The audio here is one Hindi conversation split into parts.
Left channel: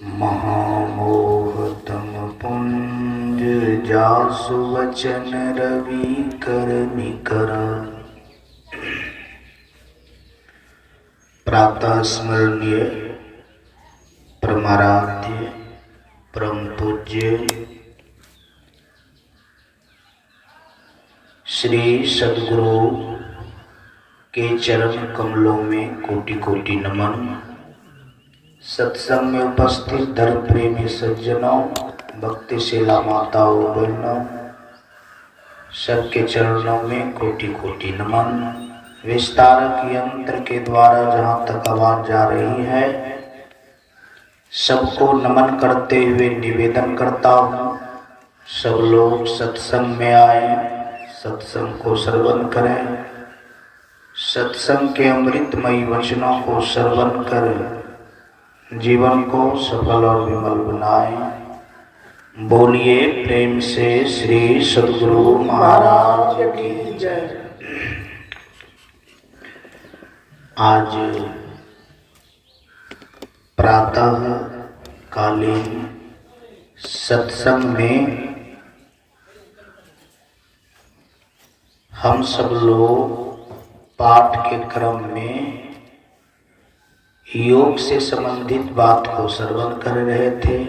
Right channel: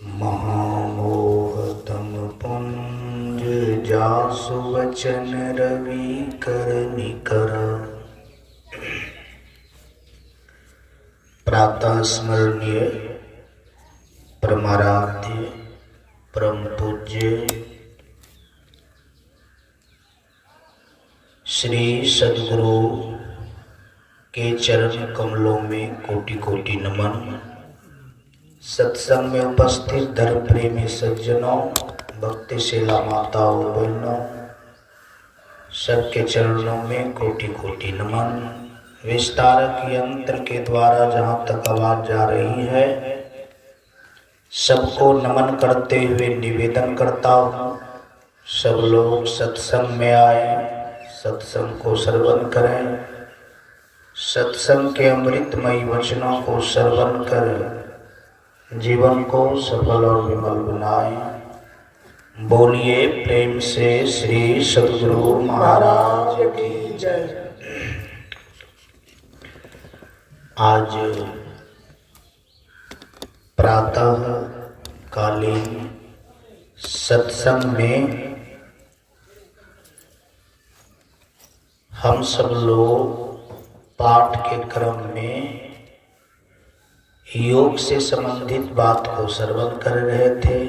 महामोहतम पुंज जासु वचन रवि कर निकर। प्रातः स्मरणीय परमाराध्य परम पूज्य श्री सद्गुरु के चरण कमलों में कोटि कोटि नमन। सत्संग में उपस्थित धर्म प्रेमी सज्जनों, भक्तिशीला माताओं बहनों, सबके चरणों में कोटि कोटि नमन। विस्तारक यंत्र के द्वारा जहाँ तक आवाज जा रही है, सबको नमन करते हुए निवेदन करता हूँ, सब लोग सत्संग में आए, सत्संग को श्रवण करें, सत्संग के अमृतमयी वचनों को श्रवण कर जीवन को सफल और विमल बनाएं। बोलिए प्रेम से श्री सद्गुरु महाराज की जय। आज प्रातः कालीन सत्संग में हम सब लोग पाठ के क्रम में योग से संबंधित बात को श्रवण कर रहे थे।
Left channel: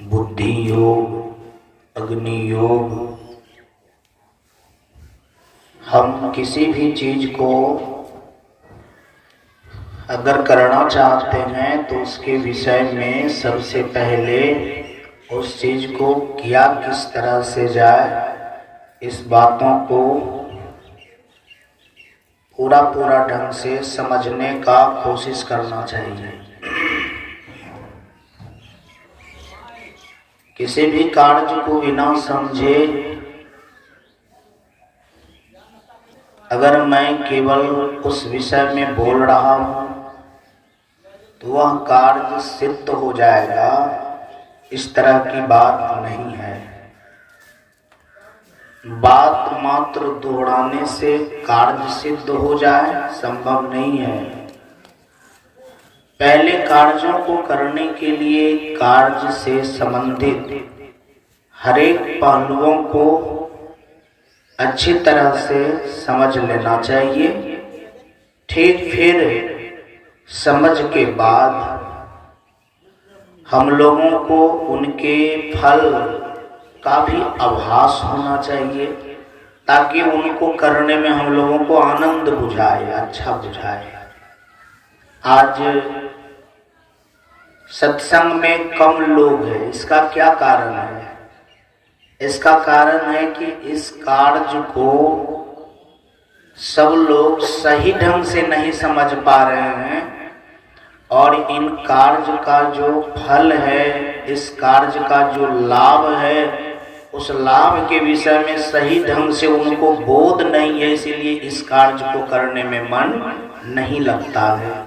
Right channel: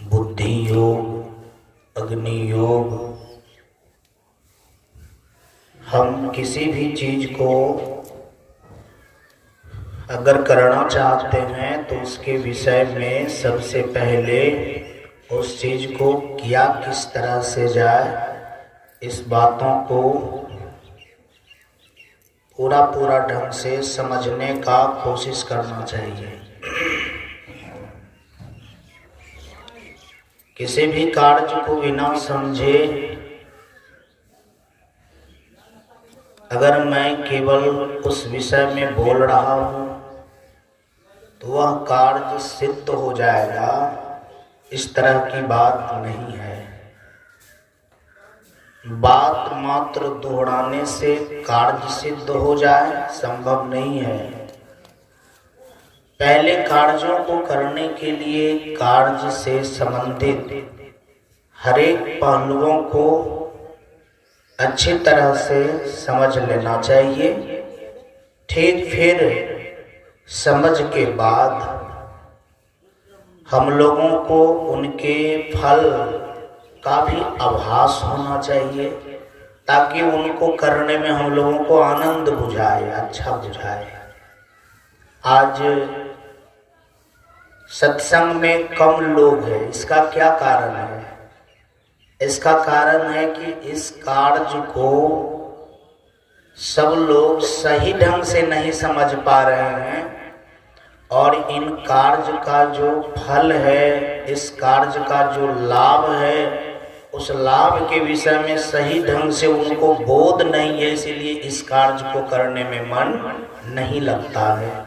बुद्धि योग, अग्नि योग। हम किसी भी चीज को अगर करना चाहते हैं तो उसके विषय में सबसे पहले उस चीज को किया किस तरह से जाए, इस बातों को पूरा ढंग से समझने का कोशिश करना चाहिए। किसी भी कार्य को बिना समझे अगर मैं केवल उस विषय में बोल रहा हूं तो वह कार्य सिद्ध हो जाएगा, इस तरह की बात नहीं है। बात मात्र दोहराने से कार्य सिद्ध हो जाए संभव नहीं है। पहले कार्यों को करने के लिए कार्य से संबंधित हर एक पहलुओं को अच्छी तरह से समझ लेना चाहिए। ठीक फिर समझ के बाद हम लोगों को उनके फल का भी आभास होना चाहिए, ताकि उनको करने में हम लोगों को आनंद बुझाए, अच्छा बुझाए। आज सत्संग में कम लोग हैं, इसका क्या कारण है? इसका कारण है कि इस कार्य को सब लोग सही ढंग से नहीं समझ पा रहे हैं और इन कार्य का जो फल है, इस कार्य का जो लाभ है, उस लाभ के विषय में सही ढंग से उनको बोध नहीं है, इसीलिए इस कार्य को करने में मन नहीं लगता है।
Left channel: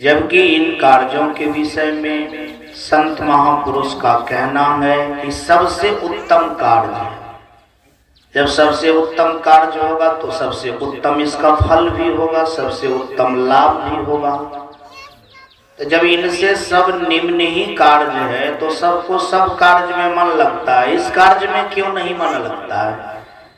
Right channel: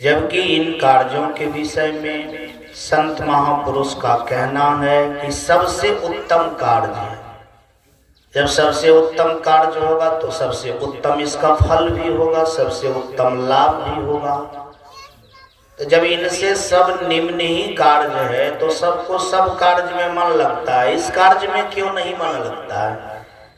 जबकि इन कार्यों के विषय में संत महापुरुष का कहना है कि सबसे उत्तम कार्य है। जब सबसे उत्तम कार्य होगा तो सबसे उत्तम इसका फल भी होगा, सबसे उत्तम लाभ भी होगा। तो जब इनसे सब निम्न ही कार्य है तो सबको सब कार्य में मन लगता है, इस कार्य में क्यों नहीं मन लगता है?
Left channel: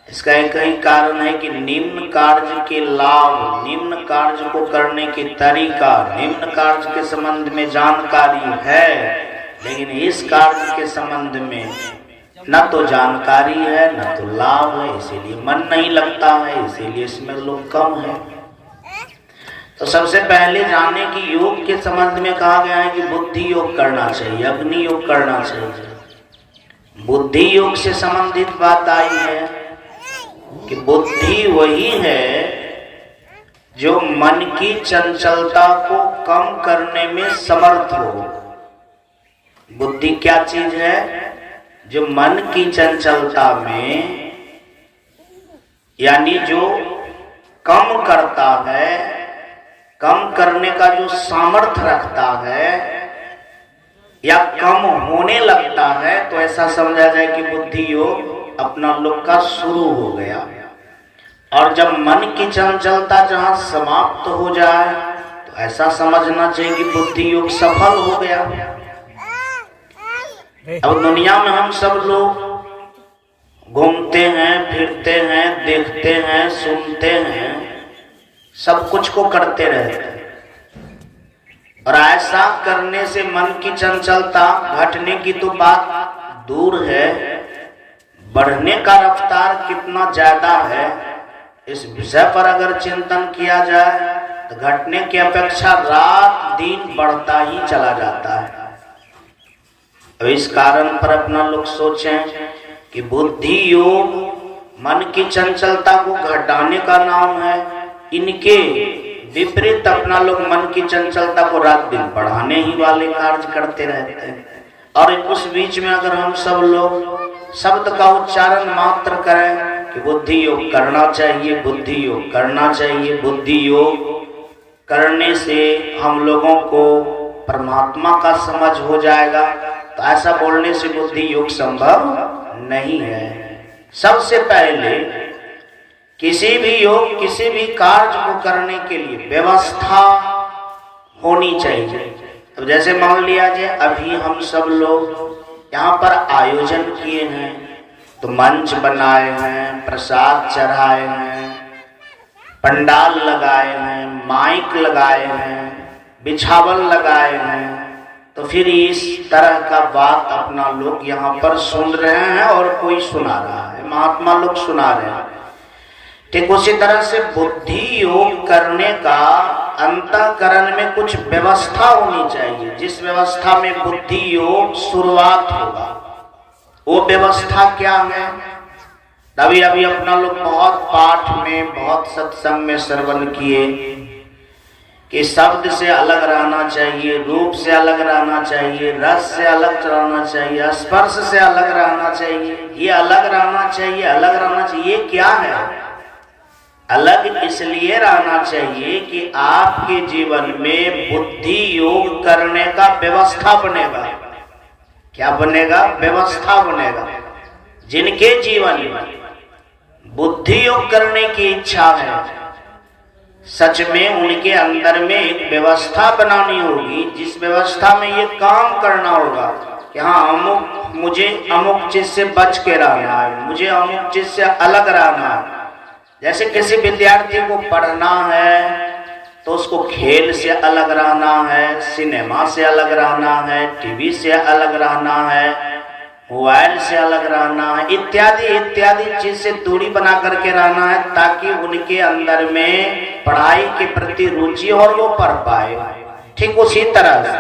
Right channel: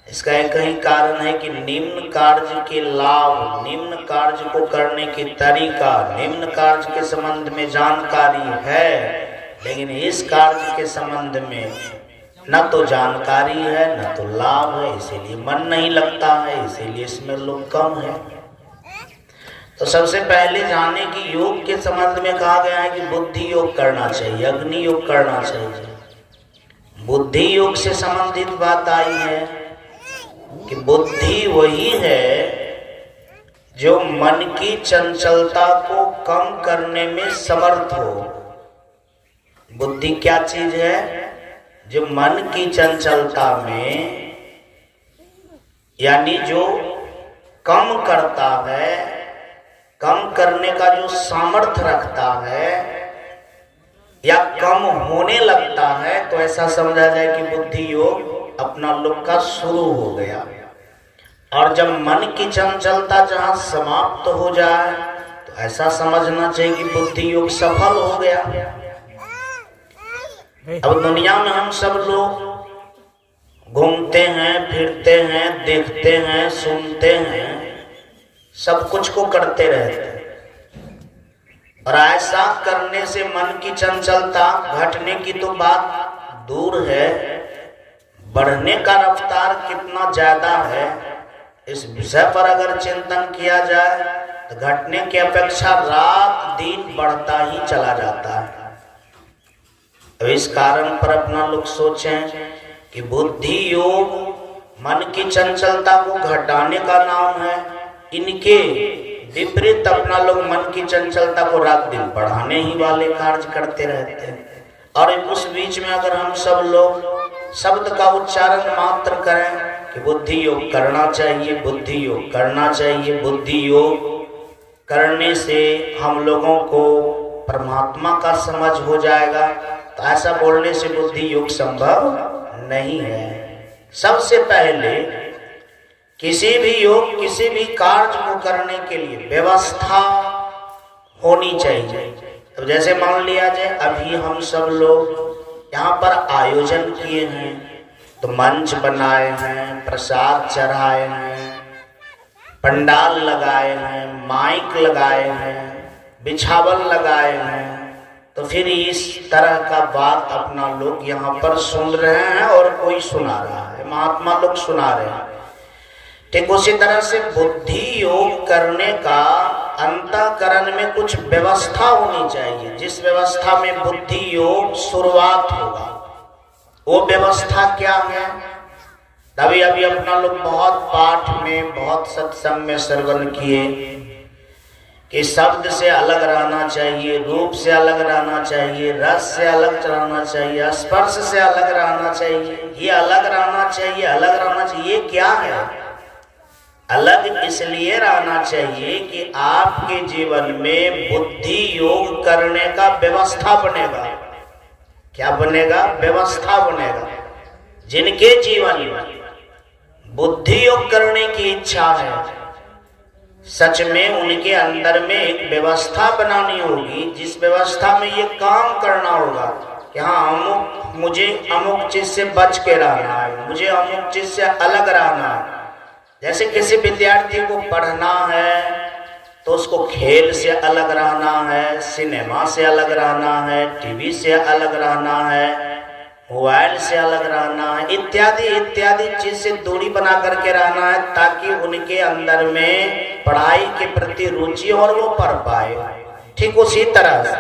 इसका एक ही कारण है कि निम्न कार्य के लाभ, निम्न कार्य को करने की तरीका, निम्न कार्य के संबंध में जानकारी है, लेकिन इस कार्य के संबंध में न तो जानकारी है न तो लाभ है, इसीलिए मन नहीं लगता है, इसीलिए इसमें लोग कम है। तो सबसे पहले जाने की योग के संबंध में कहा गया है कि बुद्धि योग करना चाहिए, अग्नि योग करना चाहिए। बुद्धि योग से संबंधित बात आई है कि बुद्धि वही है जो मन की चंचलता को कम करने में समर्थ हो। बुद्धि क्या चीज है? जो मन की चंचलता में, यानी जो कम करता है, कम करने का जो सामर्थ्य रखता है या कम होने लगता है, तो ऐसा समझा जाए कि बुद्धि योग अपना लोग का शुरू हो गया। और जब मन की चंचलता जहां समाप्त हो जाए तो ऐसा समझना चाहिए कि बुद्धि योग सफल हो गया। अब दुनिया में हम सब लोग घूमते हैं, फिरते हैं, देखते हैं, सुनते हैं, सब कुछ को करते रहते हैं, और ऐसा करने से मन की चंचलता घटने की तो बात दूर है, बढ़ने का रफ्तार कितना ज्यादा है, इस विषय पर अगर चिंतन किया जाए तो घटने की अपेक्षा रात दिन बढ़ता ही चला जाता है। अब इस कारण पर अपना लोग सोचें कि बुद्धि योग मन की चंचलता को घटाने का नाम है, इनके विपरीत अपना लोग मन की चंचलता को रात दिन बढ़ाने ही वाले कार्य करते रहते हैं। और उस बीच में अगर हम सब लोग शब्द का उच्चारण मात्र करें कि बुद्धि योग करना चाहिए, बुद्धि योग करना चाहिए, बुद्धि योग करने से हम लोगों को परमात्मा का समझ हो जाएगा, तो ऐसा बोलने से बुद्धि योग संभव नहीं है। सबसे पहले किसी भी योग, किसी भी कार्य को करने के लिए व्यवस्था होनी चाहिए। तो जैसे मान लिया जाए अभी हम सब लोग यहाँ पर आयोजन किए हैं, तो मंच बनाए हैं, प्रसाद चढ़ाए हैं, पंडाल लगाए हैं, माइक लगाए हैं, बिछावन लगाए हैं, तो फिर इस तरह का बात अपना लोग यहाँ पर सुन रहे हैं और कोई सुना रहा है, महात्मा लोग सुना रहे हैं। ठीक उसी तरह से बुद्धि योग करने का अंतःकरण में कुछ व्यवस्था होनी चाहिए, जिस व्यवस्था में बुद्धि योग शुरुआत होगा। वो व्यवस्था क्या है? अभी अभी अपना लोग बहुत पाठ में, बहुत सत्संग में श्रवण किए कि शब्द से अलग रहना चाहिए, रूप से अलग रहना चाहिए, रस से अलग रहना चाहिए, स्पर्श से अलग रहना चाहिए, ये अलग रहना चाहिए, अलग रहना चाहिए। ये क्या है? अलग इसलिए रहना चाहिए कि आपके जीवन में बुद्धि योग करने का व्यवस्था बनेगा। क्या बनेगा? व्यवस्था बनेगा। जिनके जीवन में बुद्धि योग करने की इच्छा है, सच में उनके अंदर में एक व्यवस्था बनानी होगी, जिस व्यवस्था में ये काम करना होगा कि हाँ मुझे अमुक चीज से बच के रहना है, मुझे अमुक चीज से अलग रहना है। जैसे किसी विद्यार्थी को पढ़ना है तो उसको खेल से अलग रहना है, सिनेमा से अलग रहना है, टीवी से अलग रहना है, मोबाइल से अलग रहना है, इत्यादि इत्यादि चीज से दूरी बना करके रहना है, ताकि उनके अंदर में पढ़ाई के प्रति रुचि और वो पढ़ पाए। ठीक उसी तरह से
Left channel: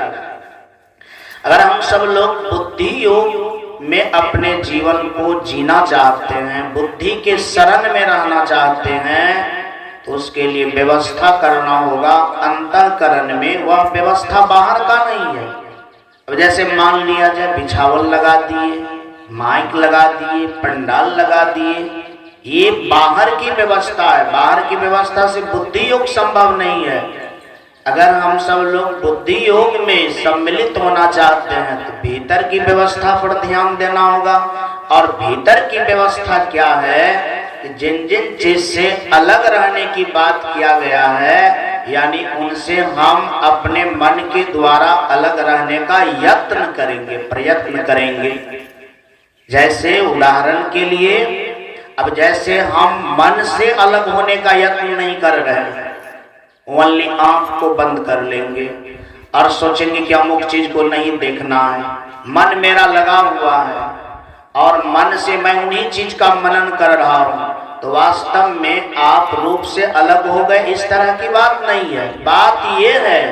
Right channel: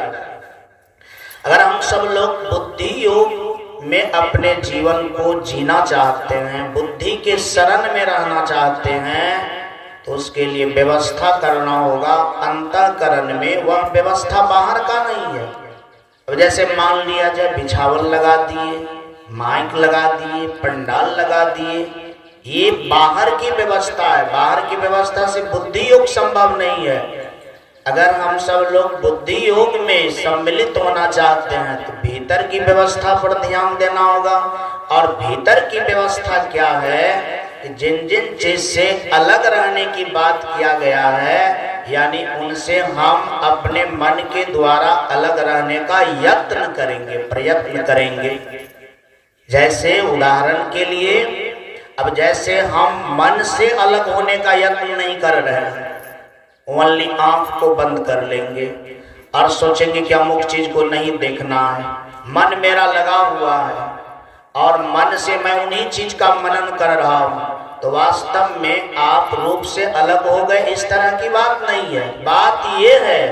अगर हम सब लोग बुद्धि योग में अपने जीवन को जीना चाहते हैं, बुद्धि के शरण में रहना चाहते हैं, तो उसके लिए व्यवस्था करना होगा अंतःकरण में। वह व्यवस्था बाहर का नहीं है। अब जैसे मान लिया जाए बिछावन लगा दिए, माइक लगा दिए, पंडाल लगा दिए, ये बाहर की व्यवस्था है। बाहर की व्यवस्था से बुद्धि योग संभव नहीं है। अगर हम सब लोग बुद्धि योग में सम्मिलित होना चाहते हैं तो भीतर की व्यवस्था पर ध्यान देना होगा। और भीतर की व्यवस्था क्या है कि जिन जिन चीज से अलग रहने की बात किया गया है, यानी उनसे हम अपने मन के द्वारा अलग रहने का यत्न करेंगे, प्रयत्न करेंगे। जैसे उदाहरण के लिए, अब जैसे हम मन से अलग होने का यत्न नहीं कर रहे हैं, ओनली आंख को बंद कर लेंगे और सोचेंगे कि अमुक चीज को नहीं देखना है, मन मेरा लगा हुआ है और मन से मैं उन्हीं चीज का मनन कर रहा हूं, तो वास्तव में आप रूप से अलग हो गए, इस तरह की बात नहीं है। बात ये है,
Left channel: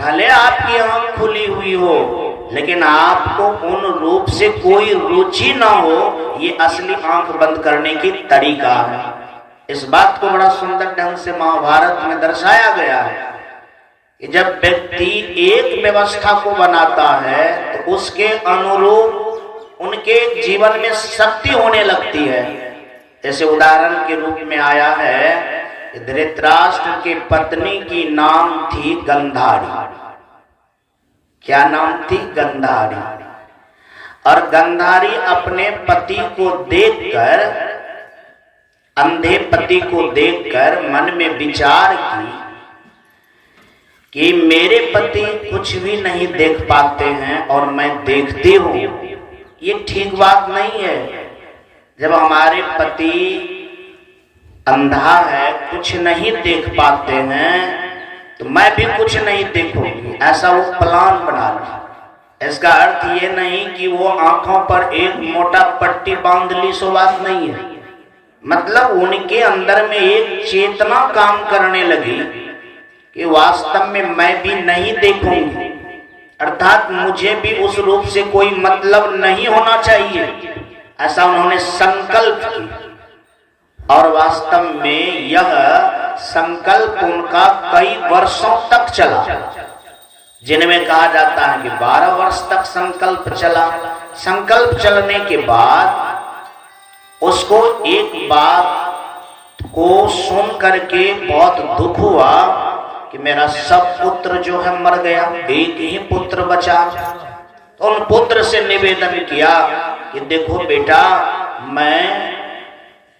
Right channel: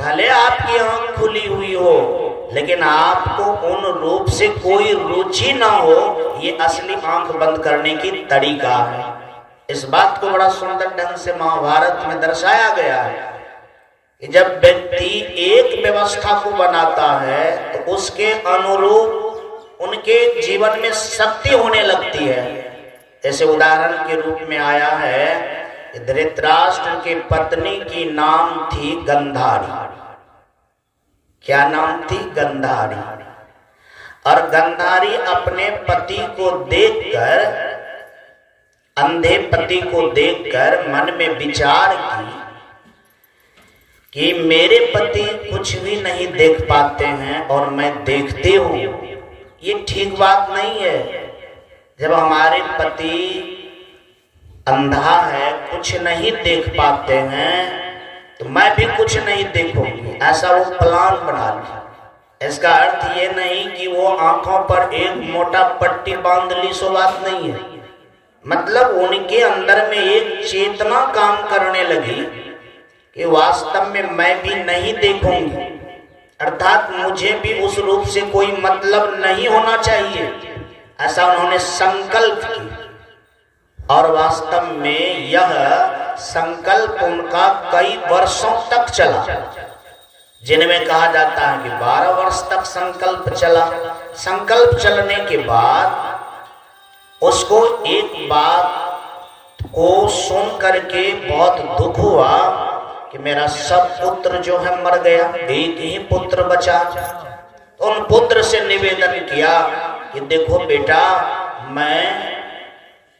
भले आपकी आंख खुली हुई हो लेकिन आपको उन रूप से कोई रुचि ना हो, ये असली आंख बंद करने की तरीका है। इस बात को बड़ा सुंदर ढंग से महाभारत में दर्शाया गया है कि जब व्यक्ति एक व्यवस्था को बनाता है तो उसके अनुरूप उनके जीवन में शक्ति होने लगती है। जैसे उदाहरण के रूप में आया है, धृतराष्ट्र के पत्नी की नाम थी गंधारी। क्या नाम थी? गंधारी। और गंधारी अपने पति को देखकर अंधे पति को देखकर मन में विचार की कि मेरे पति कुछ भी नहीं देख पाते हैं और मैं देखती हूं, ये ठीक बात नहीं है। जब हमारे पति अंधा है, कुछ नहीं देख पाते हैं, तो मैं भी कुछ नहीं देखूंगी, ऐसा वो प्लान बना लिया। इसका अर्थ ये नहीं कि वो आंखों पर एक मोटा पट्टी बांध ली, सो बात नहीं है। मतलब उनके अंदर में एक चेतना काम करने लगी कि वास्तव में मैं भी नहीं देखूंगी, अर्थात मुझे भी उस रूप से कोई मतलब नहीं होना चाहिए, ऐसा उन्होंने संकल्प किया। और वास्तव में यह संकल्प उनका कई वर्षों तक चला, जिनमें कहा जाता है कि 12 वर्ष तक संकल्प चला। संकल्प चलने के बाद उसको एक बात को सुन करके बहुत दुख हुआ कि मेरा सब पुत्र जो है मर गया, एक ही पुत्र बचा। उन पुत्र से निवेदन किया कि देखो बेटा, मैं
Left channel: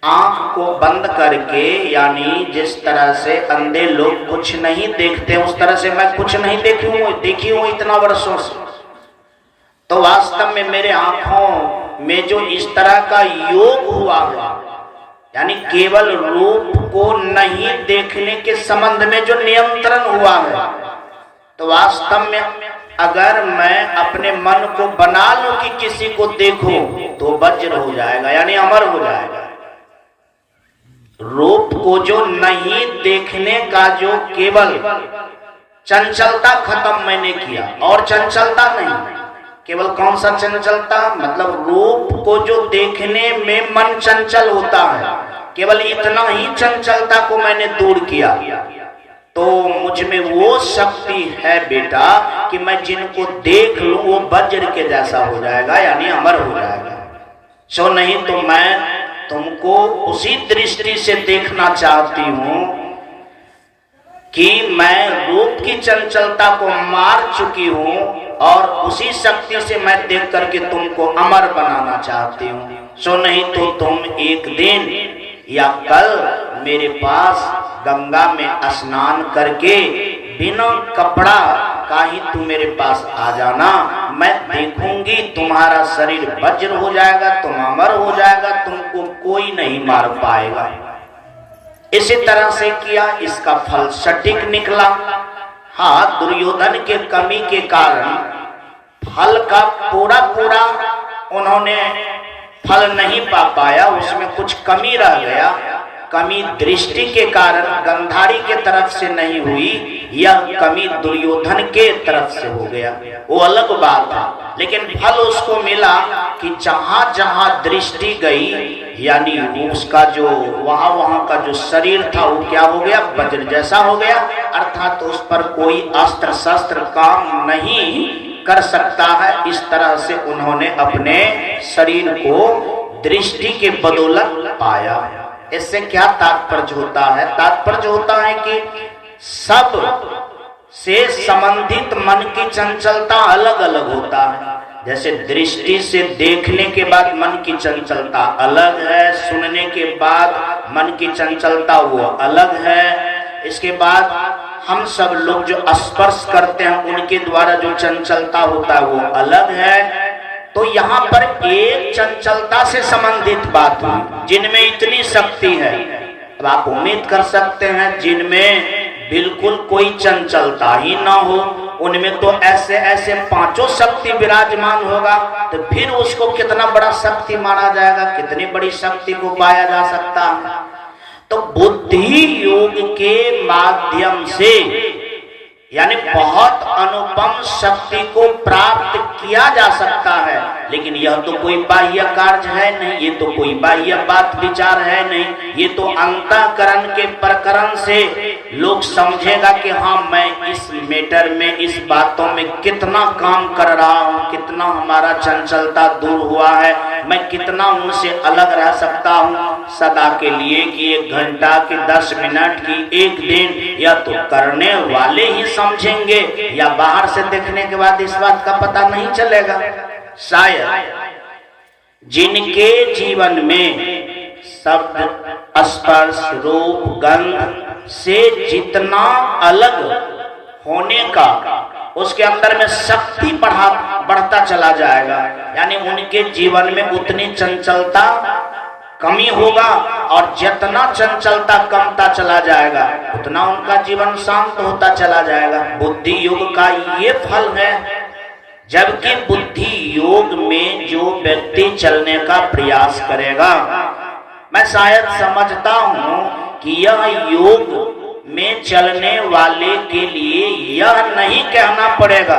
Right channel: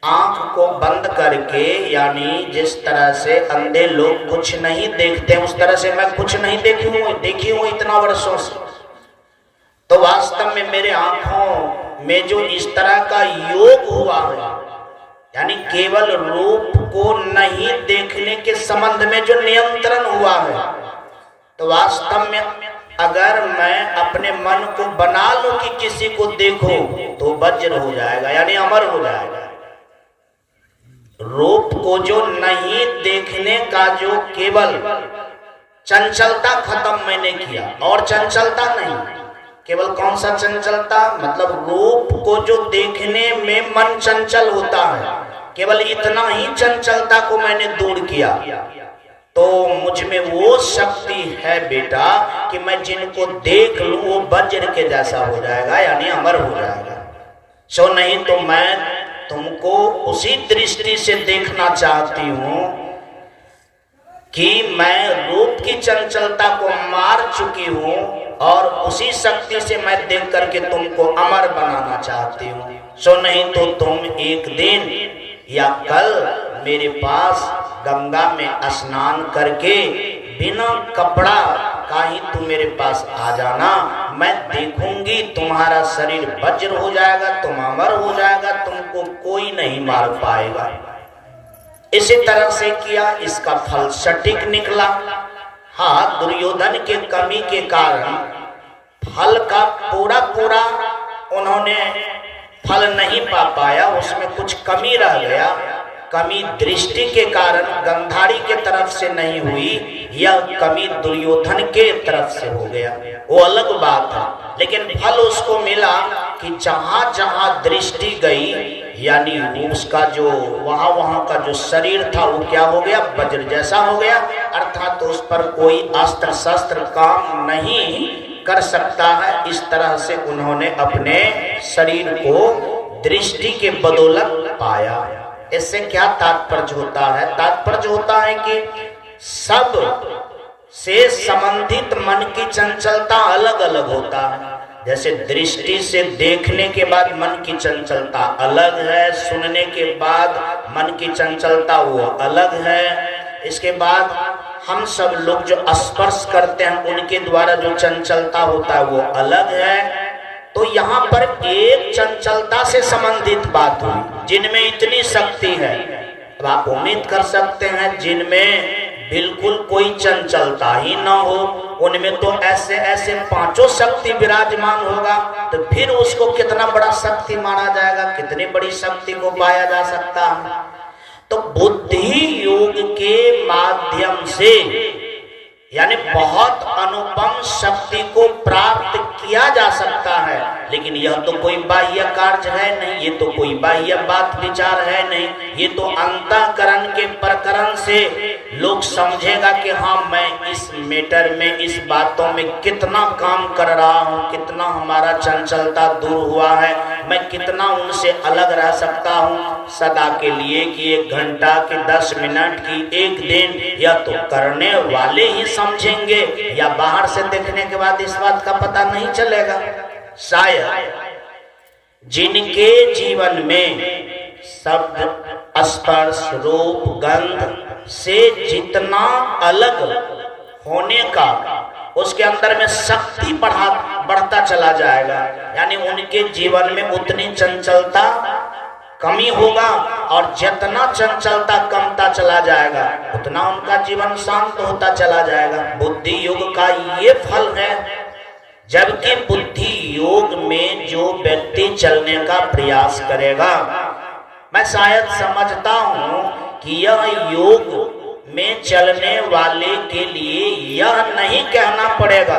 आंख को बंद करके, यानी जिस तरह से अंधे लोग कुछ नहीं देखते उस तरह से मैं कुछ नहीं देखी हूं इतना वर्षों से। तो वास्तव में मेरे आंखों में जो इस तरह का योग हुआ है, यानी केवल रूप को नहीं देखने के संबंध में जो नियंत्रण हुआ है, तो वास्तव में अगर मैं अपने मन को बना लूं कि किसी को देखो तो वज्र हो जाएगा, यानी अमर हो जाएगा। रूप को जो नहीं देखने का जो केवल चंचलता खत्म मैंने किया, और चंचलता नहीं, केवल कौन सा चंचलता, मतलब रूप को जो देखने में मन चंचल होता है, केवल इतना ही चंचलता को मैंने दूर किया। तो मुझ में वो शक्ति है बेटा कि मैं जिनको देख लूं वो वज्र के जैसा हो जाएगा, यानी अमर हो जाएगा। सो नहीं तो मैं तुमको उसी दृष्टि से देखना चाहती हूं कि मैं रूप की चंचलता को मार चुकी हूं और उसी शक्ति से मैं देख करके तुमको अमर बनाना चाहती हूं। सो नहीं तो तुम एक दिन या कल मेरे पास गंगा में स्नान करके बिना कपड़ा का ही तुम मेरे पास आ जाना, मैं देखूंगी तुम्हारा शरीर वज्र हो जाएगा, तुम अमर हो जाएगा, तुमको कोई नहीं मार पाएगा। इसी तरह से किया, इसका फल सटीक निकला। हाँ, दुर्योधन के कमी के कारण फल का पूरा उन्होंने फल नहीं पा पाया, उसमें कुछ कमी रह गया। कमी दृष्टि के कारण गंधारी के तरफ से नहीं हुई, यह कमी दुर्योधन के तरफ से हो गया, वो अलग बात है। लेकिन फल उसको मिला कि जहां जहां दृष्टि गई, यानी उसका जो वहां का जो शरीर था वो क्या हो गया, वज्र जैसा हो गया, अर्थात उस पर कोई अस्त्र शस्त्र काम नहीं कर सकता है। इस तरह से उन्होंने अपने शरीर को दृष्टि के बदौलत पाया। इससे क्या तात्पर्य होता है? तात्पर्य होता है कि सब से संबंधित मन की चंचलता अलग अलग होता है। जैसे दृष्टि से देखने के बाद मन की चंचलता अलग है, सुनने के बाद मन की चंचलता वो अलग है। इसके बाद हम सब लोग जो स्पर्श करते हैं उनके द्वारा जो चंचलता होता है वो अलग है। तो यहाँ पर एक चंचलता से संबंधित बात हुई, जिनमें इतनी शक्ति है। अब आप उम्मीद कर सकते हैं जिनमें बिल्कुल कोई चंचलता ही ना हो, उनमें तो ऐसे ऐसे पांचों शक्ति विराजमान होगा, तो फिर उसको कितना बड़ा शक्ति माना जाएगा, कितनी बड़ी शक्ति को पाया जा सकता है। तो बुद्धि योग के माध्यम से, यानी बहुत अनुपम शक्ति को प्राप्त किया जा सकता है। लेकिन यह तो कोई बाह्य कार्य है नहीं, ये तो कोई बाह्य बात विचार है नहीं, ये तो अंतःकरण के प्रकरण से लोग समझेगा कि हाँ, मैं इस मैटर में, इस बातों में कितना काम कर रहा हूँ, कितना हमारा चंचलता दूर हुआ है, मैं कितना उनसे अलग रह सकता हूँ सदा के लिए, कि 1 घंटा की 10 मिनट की 1 दिन। या तो करने वाले ही समझेंगे, या बाहर से देखने के बाद इस बात का पता नहीं चलेगा। शायद जिनके जीवन में शब्द, स्पर्श, रूप, गंध से जितना अलग होने का उसके अंदर में शक्ति बढ़ता चला जाएगा, यानी उनके जीवन में उतनी चंचलता कमी होगा, और जितना चंचलता कमता चला जाएगा उतना उनका जीवन शांत होता चला जाएगा। बुद्धि योग का ये फल है। जबकि बुद्धि योग में जो व्यक्ति चलने का प्रयास करेगा, मैं शायद समझता हूं कि यह योग में चलने वाले के लिए यह नहीं कहना पड़ेगा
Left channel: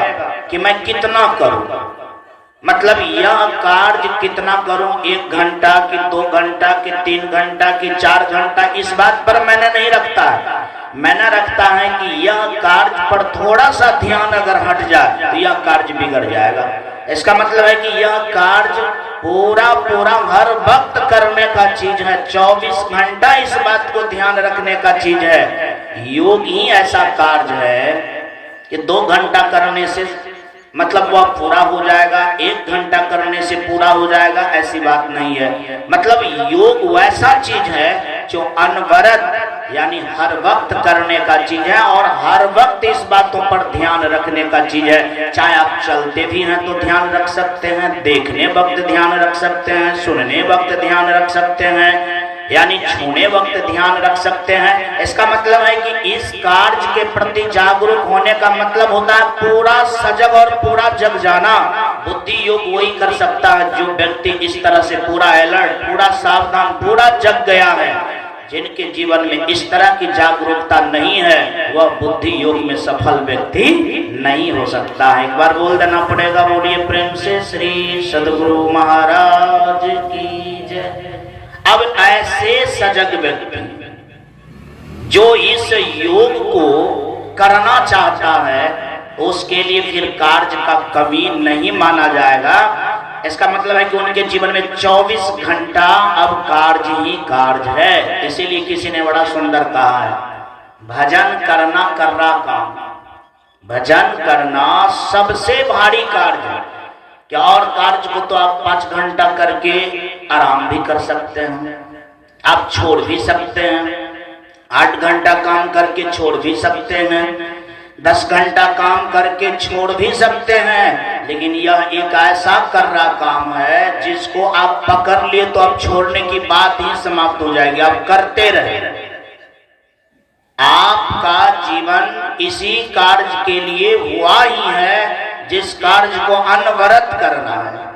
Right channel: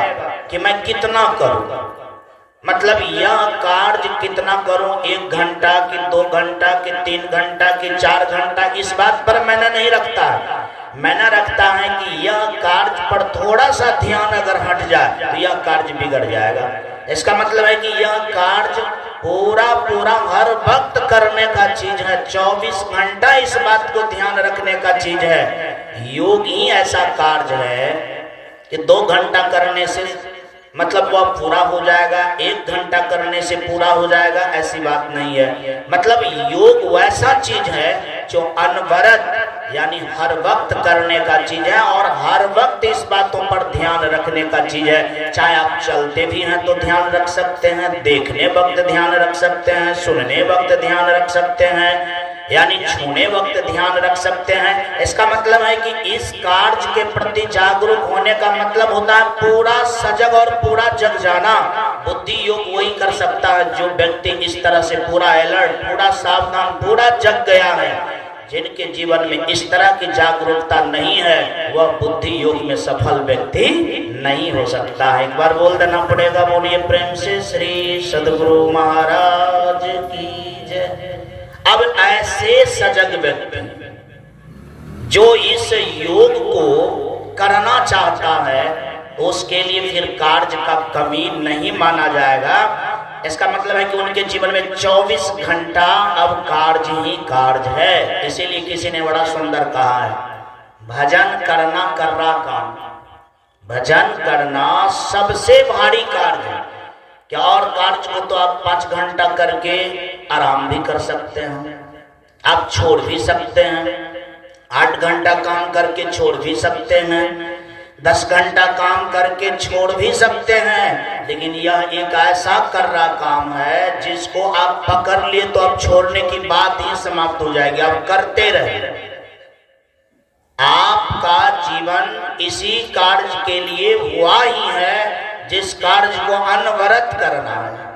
कि मैं कितना करूं, मतलब यह कार्य कितना करूं, 1 घंटा कि 2 घंटा कि 3 घंटा कि 4 घंटा, इस बात पर मैंने नहीं रखता है। मैंने रखता है कि यह कार्य पर थोड़ा सा ध्यान अगर हट जाए तो यह कार्य बिगड़ जाएगा। इसका मतलब है कि यह कार्य पूरा हर वक्त करने का चीज है, 24 घंटा इस बात को ध्यान रखने का चीज है। योग ही ऐसा कार्य है कि 2 घंटा करने से मतलब वह पूरा हो जाएगा, 1 घंटा करने से पूरा हो जाएगा, ऐसी बात नहीं है। मतलब योग वैसा चीज है जो अनवरत यानी हर वक्त करने का चीज है, और हर वक्त इस बातों पर ध्यान रखने का चीज है। चाहे आप चलते भी हैं तो ध्यान रख सकते हैं, देखने वक्त ध्यान रख सकते हैं, सुनने वक्त ध्यान रख सकते हैं, यानी छूने वक्त ध्यान रख सकते हैं। इसका मतलब है कि इस कार्य के प्रति जागरूक होने का मतलब होता है पूरा सजग और पूरा जग जाना। बुद्धि योग वही कर सकता है जो व्यक्ति इस तरह से पूरा अलर्ट, पूरा सावधान, पूरा जग गया है। जिनके जीवन में इस तरह की जागरूकता नहीं है वह बुद्धि योग में सफल व्यक्ति नहीं हो सकता है। एक बार बोल देना पड़ेगा, बोलिए प्रेम से श्री सद्गुरु महाराज की जय। अब ऐसे सजग व्यक्ति जो इस योग को करना चाहता है उसके लिए फिर कार्य का कमी नहीं माना जाएगा। इसका मतलब है कि उनके जीवन में 24 घंटा अब कार्य ही कार्य है। इसीलिए किसी ने बड़ा सुंदर कहा है, भजन करना कर्रा काम, भजन करना सबसे भारी कार्य है। क्या और कार्य को तो आप 5 घंटा करके आराम भी कर सकते हैं, आप छोड़ भी सकते हैं, 8 घंटा काम करके छोड़ भी सकते हैं, 10 घंटा काम करके छोड़ भी सकते हैं। लेकिन यह एक ऐसा कर रहा काम है जिसको आप पकड़ लिए तो अब छोड़ने की बात ही समाप्त हो जाएगी, आप करते रहे। आपका जीवन इसी कार्य के लिए हुआ ही है जिस कार्य को अनवरत करना है।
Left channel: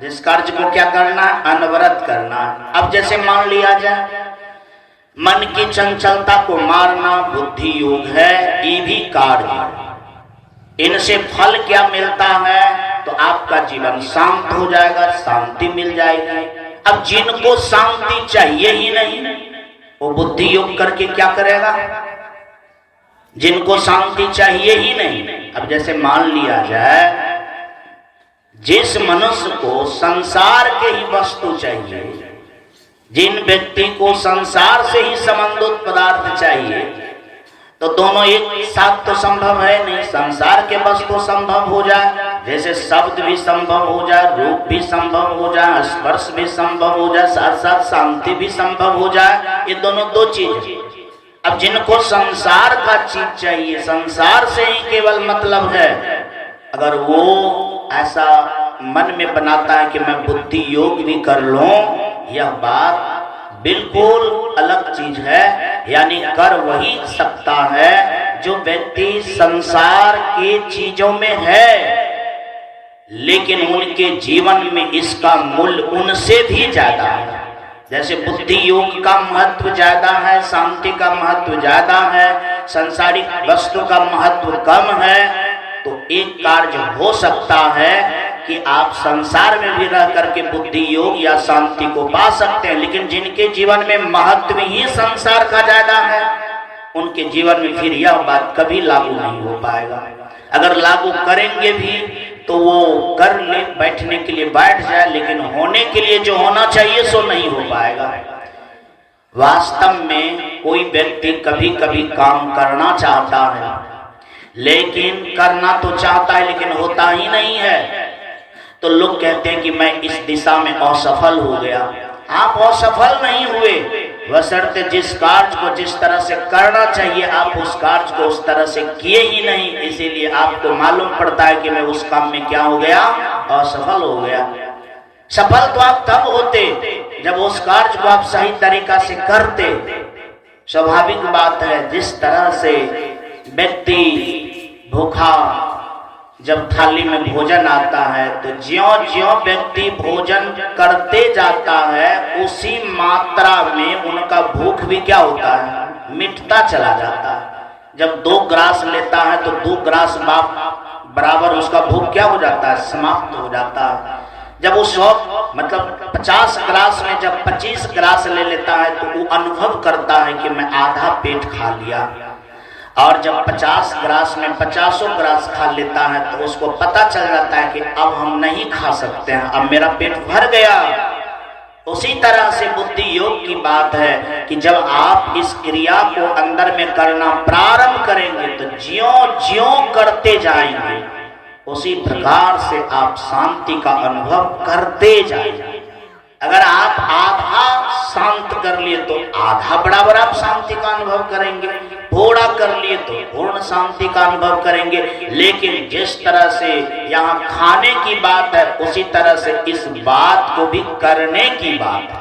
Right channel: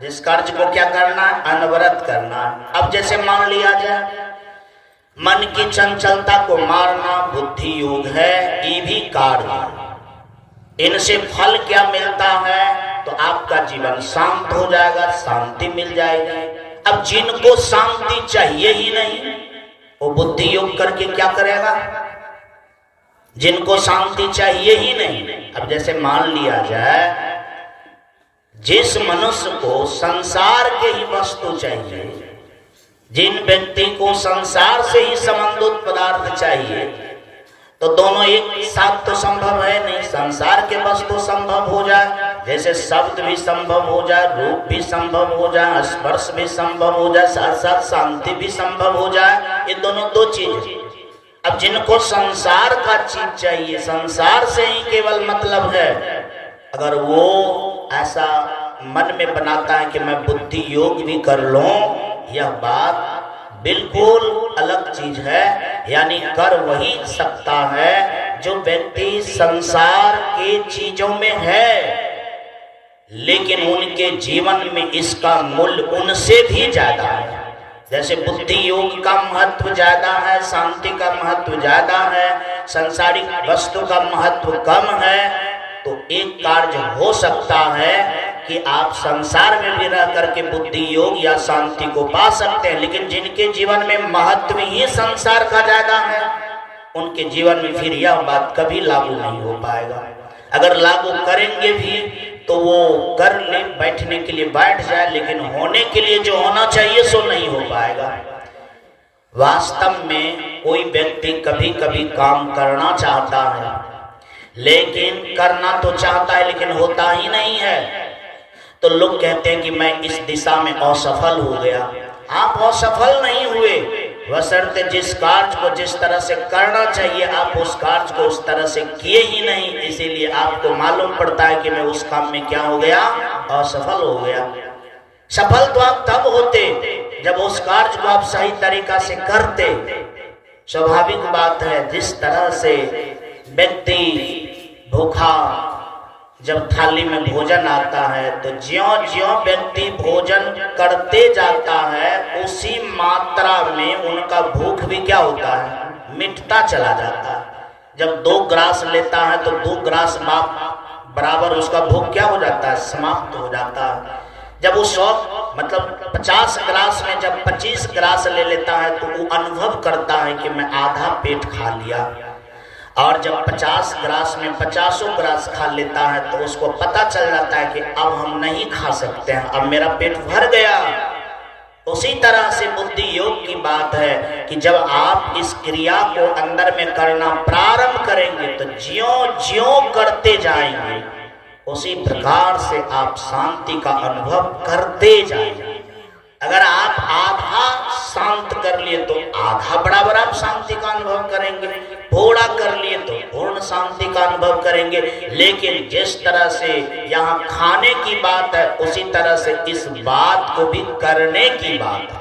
जिस कार्य को क्या करना है? अनवरत करना है। अब जैसे मान लिया जाए मन की चंचलता को मारना बुद्धि योग है, ये भी कार्य है। इनसे फल क्या मिलता है? तो आपका जीवन शांत हो जाएगा, शांति मिल जाएगी। अब जिनको शांति चाहिए ही नहीं वो बुद्धि योग करके क्या करेगा? जिनको शांति चाहिए ही नहीं, अब जैसे मान लिया जाए जिस मनुष्य को संसार के ही वस्तु चाहिए, जिन व्यक्ति को संसार से ही संबंधित पदार्थ चाहिए, तो दोनों एक साथ तो संभव है नहीं। संसार के वस्तु संभव हो जाए, जैसे शब्द भी संभव हो जाए, रूप भी संभव हो जाए, स्पर्श भी संभव हो जाए, साथ साथ शांति भी संभव हो जाए। ये दोनों 2 चीज। अब जिनको संसार का चीज चाहिए, संसार से ही केवल मतलब है, अगर वो ऐसा मन में बनाता है कि मैं बुद्धि योग भी कर लूं, यह बात बिल्कुल अलग चीज है। यानी कर वही सकता है जो व्यक्ति संसार के चीजों में है, लेकिन उनके जीवन में इसका मूल्य उनसे भी ज्यादा है। जैसे बुद्धि योग का महत्व ज्यादा है, शांति का महत्व ज्यादा है, संसारिक वस्तु का महत्व कम है, तो एक कार्य हो सकता है कि आप संसार में भी रह करके बुद्धि योग या शांति को पा सकते हैं। लेकिन जिनके जीवन में महत्व ही संसार का ज्यादा है, उनके जीवन में फिर यह बात कभी लागू नहीं हो पाएगा। अगर लागू करेंगे भी तो वो कर ले, बैठने के लिए बैठ जाए, लेकिन होने के लिए जो होना चाहिए सो नहीं हो पाएगा। वास्तव में कोई व्यक्ति कभी कभी काम करना चाहता है, लेकिन करना तो चाहता है लेकिन होता ही नहीं है, तो लोग कहते हैं कि मैं इस दिशा में असफल हो गया, आप असफल नहीं हुए, बशर्ते जिस कार्य को जिस तरह से करना चाहिए आप उस कार्य को उस तरह से किए ही नहीं, इसीलिए आपको मालूम पड़ता है कि मैं उस काम में क्या हो गया, असफल हो गया। सफल तो आप तब होते जब उस कार्य को आप सही तरीका से करते। स्वाभाविक बात है, जिस तरह से व्यक्ति भूखा जब थाली में भोजन आता है तो ज्यों ज्यों व्यक्ति भोजन करते जाता है उसी मात्रा में उनका भूख भी क्या होता है, मिटता चला जाता है। जब 2 ग्रास लेता है तो 2 ग्रास बराबर उसका भूख क्या हो जाता है, समाप्त हो जाता है। जब वो 100 मतलब 50 ग्रास में जब 25 ग्रास ले लेता है तो वो अनुभव करता है कि मैं आधा पेट खा लिया, और जब 50 ग्रास में 50 ग्रास खा लेता है तो उसको पता चल जाता है कि अब हम नहीं खा सकते हैं, अब मेरा पेट भर गया। उसी तरह से बुद्धि योग की बात है कि जब आप इस क्रिया को अंदर में करना प्रारंभ करेंगे तो ज्यों ज्यों करते जाएंगे उसी प्रकार से आप शांति का अनुभव करते जाएंगे। अगर आप आधा शांत कर लिए तो आधा बराबर आप शांति का अनुभव करेंगे, थोड़ा कर लिए तो पूर्ण शांति का अनुभव करेंगे। लेकिन जिस तरह से यहाँ खाने की बात है उसी तरह से इस बात को भी करने की बात है।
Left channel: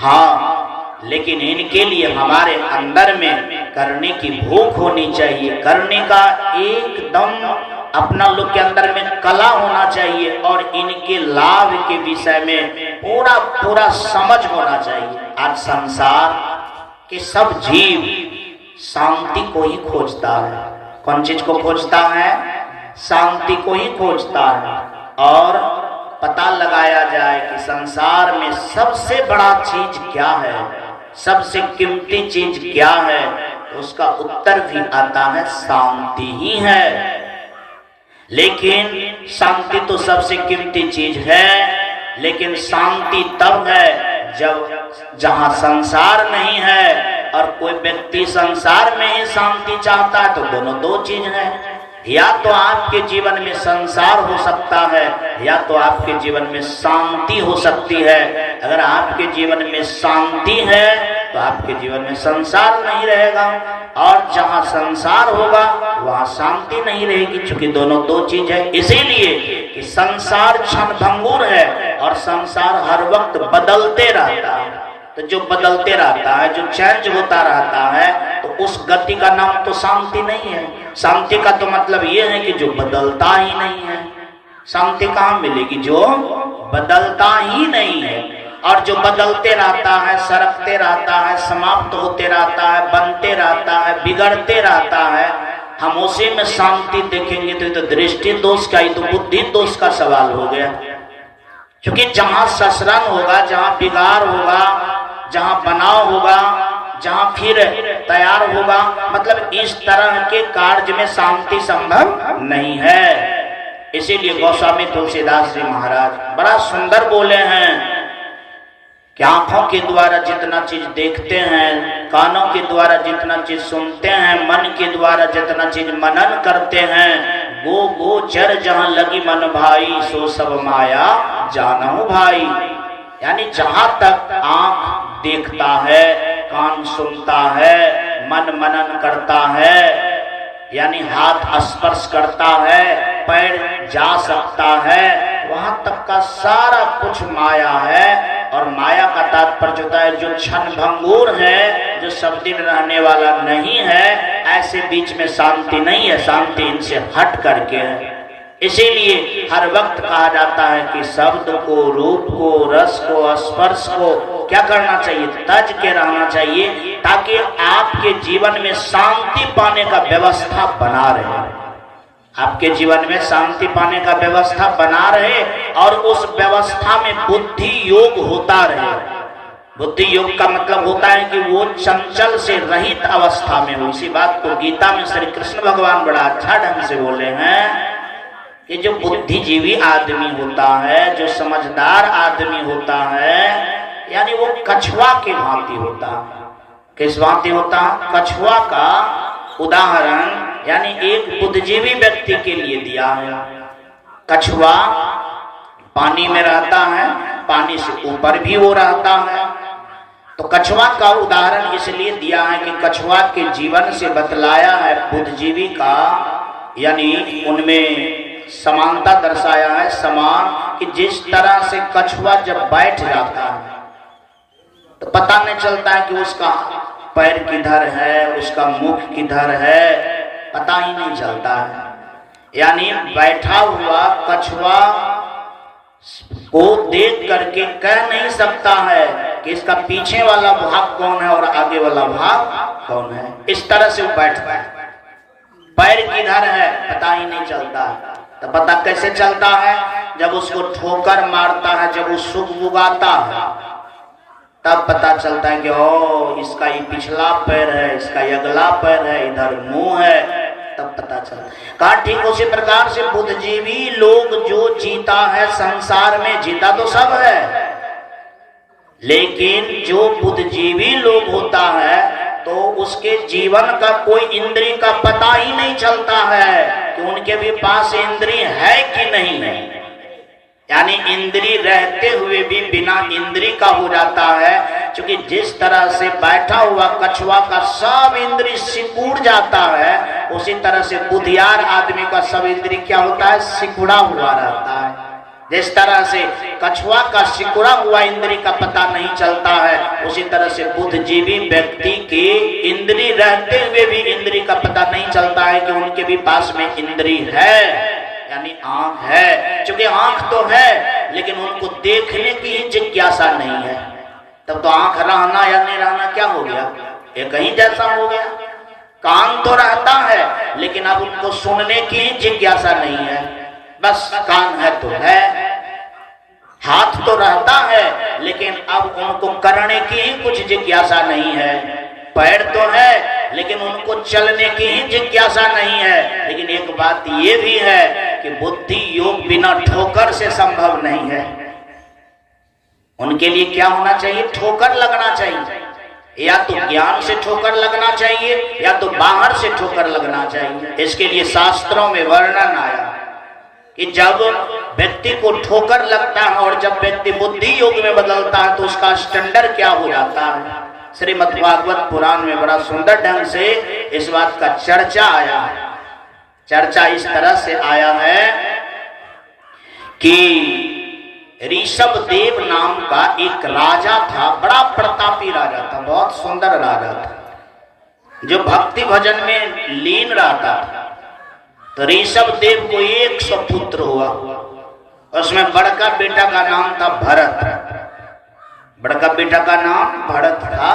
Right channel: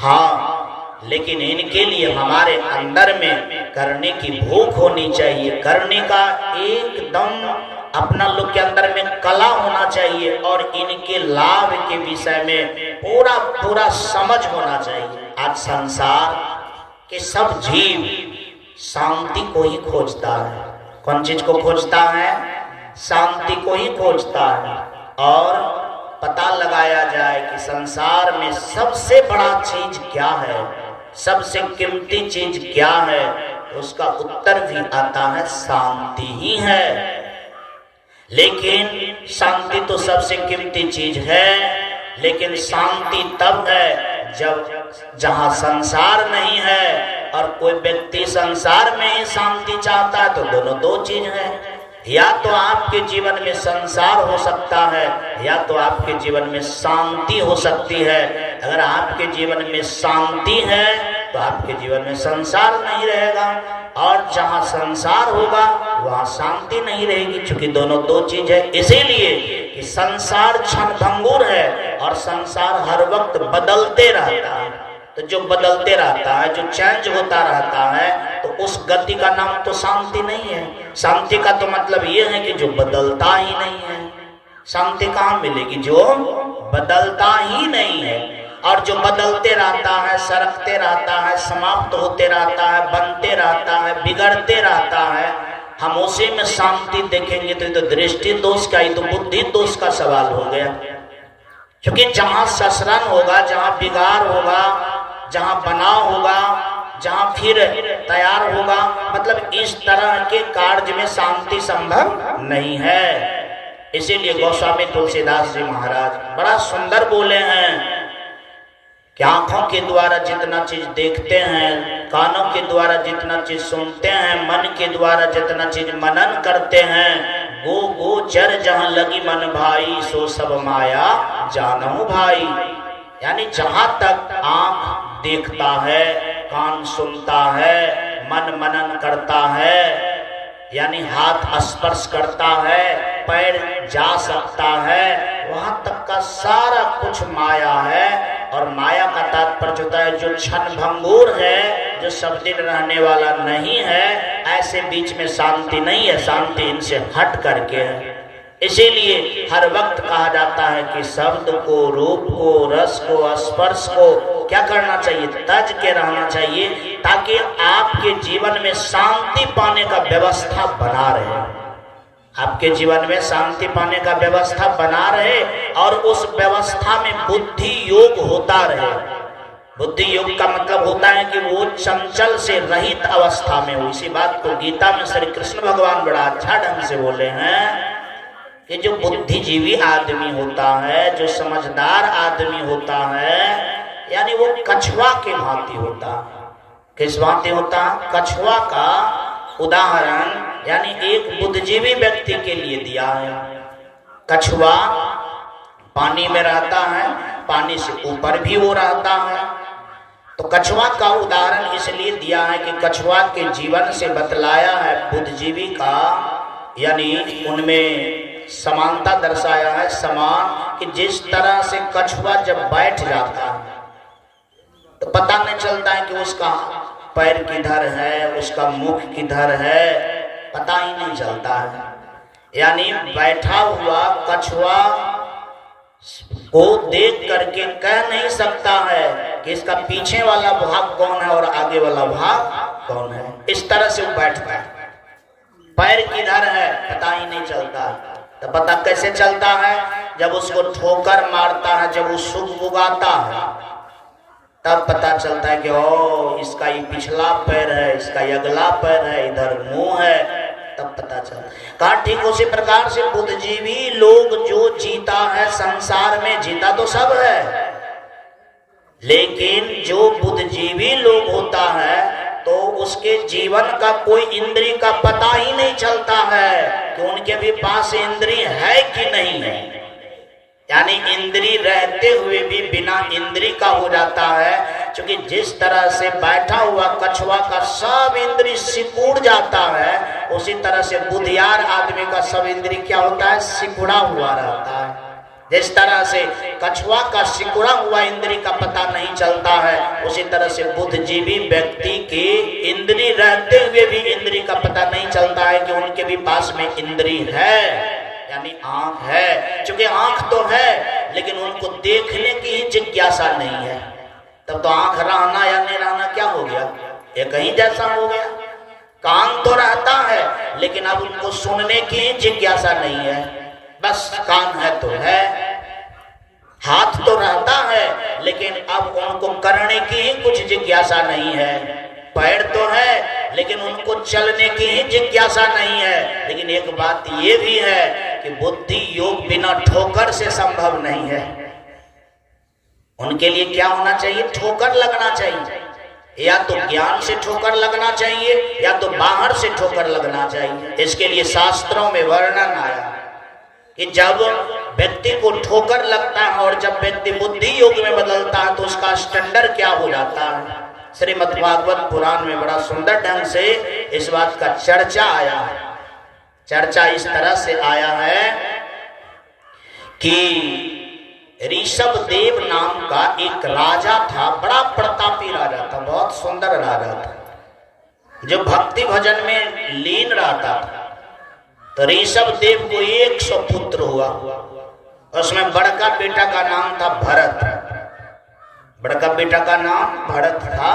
हाँ, लेकिन इनके लिए हमारे अंदर में करने की भूख होनी चाहिए, करने का एकदम अपना लोग के अंदर में कला होना चाहिए और इनके लाभ के विषय में पूरा पूरा समझ होना चाहिए। आज संसार के सब जीव शांति को ही खोजता है। कौन चीज को खोजता है? शांति को ही खोजता है। और पता लगाया जाए कि संसार में सबसे बड़ा चीज क्या है, सबसे कीमती चीज क्या है, उसका उत्तर भी आता है शांति ही है। लेकिन शांति तो सबसे कीमती चीज है, लेकिन शांति तब है जब जहां संसार नहीं है और कोई व्यक्ति संसार में ही शांति चाहता है तो दोनों 2 चीज है। या तो आपके जीवन में संसार हो सकता है या तो आपके जीवन में शांति हो सकती है। अगर आपके जीवन में शांति है तो आपके जीवन में संसार नहीं रहेगा, और जहां संसार होगा वहां शांति नहीं रहेगी, क्योंकि दोनों 2 चीज है। इसीलिए कि संसार क्षणभंगुर है और संसार हर वक्त बदलते रहता है। तो जो बदलते रहता है, जो चेंज होता रहता है, तो उस गति का नाम तो शांति नहीं है। शांति का तो मतलब ये है कि जो बदलता ही नहीं है। शांति कहाँ मिलेगी? जो बदलता ही नहीं है। और जो बदलते रहता है, सरकते रहता है, समाप्त होते रहता है, बनते रहता है, बिगड़ते रहता है, हम उसी में शांति देखेंगे तो ये तो दृष्टि दोष का, ये तो बुद्धि दोष का सवाल हो गया। क्योंकि जहां ससरन होगा, जहां बिगाड़ होगा, जहां बनाव होगा, जहां फिर तैयार होगा, मतलब इस तरह के कार्य में शांति संभव नहीं है। इसीलिए गोस्वामी तुलसीदास जी महाराज बड़ा सुंदर बोले हैं कि आंखों के द्वारा जितना चीज देखते हैं, कानों के द्वारा जितना चीज सुनते हैं, मन के द्वारा जितना चीज मनन करते हैं, गो गोचर जहां लगी मन भाई, सो सब माया जानहु भाई। यानी जहां तक आंख देखता है, कान सुनता है, मन मनन करता है, यानी हाथ स्पर्श करता है, पैर जा सकता है, वहां तक का सारा कुछ माया है। और माया का तात्पर्य होता है जो क्षणभंगुर है, जो सब दिन रहने वाला नहीं है। ऐसे बीच में शांति नहीं है, शांति इनसे हट करके है। इसीलिए हर वक्त कहा जाता है कि शब्द को, रूप को, रस को, स्पर्श को क्या करना चाहिए? तज के रहना चाहिए, ताकि आपके जीवन में शांति पाने का व्यवस्था बना रहे। आपके जीवन में शांति पाने का व्यवस्था बना रहे और उस व्यवस्था में बुद्धि योग होता रहे। बुद्धि योग का मतलब होता है कि वो चंचल से रहित अवस्था में हो। इसी बात को गीता में श्री कृष्ण भगवान बड़ा अच्छा ढंग से बोले हैं कि जो बुद्धिजीवी आदमी होता है, जो समझदार आदमी होता है, यानी वो कछुआ के भांति होता है। किस भांति होता है? कछुआ का उदाहरण यानी एक बुद्धिजीवी व्यक्ति के लिए दिया है। कछुआ पानी में रहता है, पानी से ऊपर भी वो रहता है। तो कछुआ का उदाहरण इसलिए दिया है कि कछुआ के जीवन से बतलाया है बुद्धिजीवी का, यानी उनमें समानता दर्शाया है, समान, कि जिस तरह से कछुआ जब बैठ जाता है तो पता नहीं चलता है कि उसका पैर किधर है, उसका मुख किधर है, पता ही नहीं चलता है। यानी बैठा हुआ कछुआ को देख करके कह नहीं सकता है कि इसका पीछे वाला भाग कौन है और आगे वाला भाग कौन है। इस तरह से वो बैठता है, पैर किधर है पता ही नहीं चलता है। तो पता कैसे चलता है? जब उसको ठोकर मारता है, जब वो सुगबुगाता है, तब पता चलता है कि ओ इसका ये पिछला पैर है, इसका ये अगला पैर है, इधर मुंह है, तब पता चला। कहा ठीक उसी प्रकार से बुद्धिजीवी लोग जो जीता है संसार में, जीता तो सब है, लेकिन जो बुद्धिजीवी लोग होता है तो उसके जीवन का कोई इंद्रिय का पता ही नहीं चलता है कि उनके भी पास इंद्रिय है कि नहीं है। यानी इंद्रिय रहते हुए भी बिना इंद्रिय का हो जाता है, क्योंकि जिस तरह से बैठा हुआ कछुआ का सब इंद्रिय सिकुड़ जाता है, उसी तरह से बुद्धियार आदमी का सब इंद्रिय क्या होता है? सिकुड़ा हुआ रहता है। जिस तरह से कछुआ का सिकुड़ा हुआ इंद्रिय का पता नहीं चलता है, उसी तरह से बुद्धिजीवी व्यक्ति के इंद्रिय रहते हुए भी इंद्रिय का पता नहीं चलता है कि उनके भी पास में इंद्रिय है, यानी आंख है। क्योंकि आंख तो है लेकिन उनको देखने की ही जिज्ञासा नहीं है। तब तो आंख रहना या नहीं रहना क्या हो गया? एक ही जैसा हो गया। कान तो रहता है लेकिन अब उनको सुनने की ही जिज्ञासा नहीं है, बस कान है तो है। हाथ तो रहता है लेकिन अब उनको करने की ही कुछ जिज्ञासा नहीं है। पैर तो है लेकिन उनको चलने की ही जिज्ञासा नहीं है। लेकिन एक बात ये भी है कि बुद्धि योग बिना ठोकर से संभव नहीं है। उनके लिए क्या होना चाहिए? ठोकर लगना चाहिए, या तो ज्ञान से ठोकर लगना चाहिए या तो बाहर से ठोकर लगना चाहिए। इसके लिए शास्त्रों में वर्णन आया कि जब व्यक्ति को ठोकर लगता है और जब व्यक्ति बुद्धि योग में बदलता है तो उसका स्टैंडर्ड क्या हो जाता है। श्रीमद् भागवत पुराण में बड़ा सुंदर ढंग से इस बात का चर्चा आया है। चर्चा इस तरह से आया है कि ऋषभ देव नाम का एक राजा था, बड़ा प्रतापी राजा था, बहुत सुंदर राजा था, जो भक्ति भजन में लीन रहता था। तो ऋषभ देव को 100 पुत्र हुआ। उसमें बड़का बेटा का नाम था भरत, बड़का बेटा का नाम भरत था।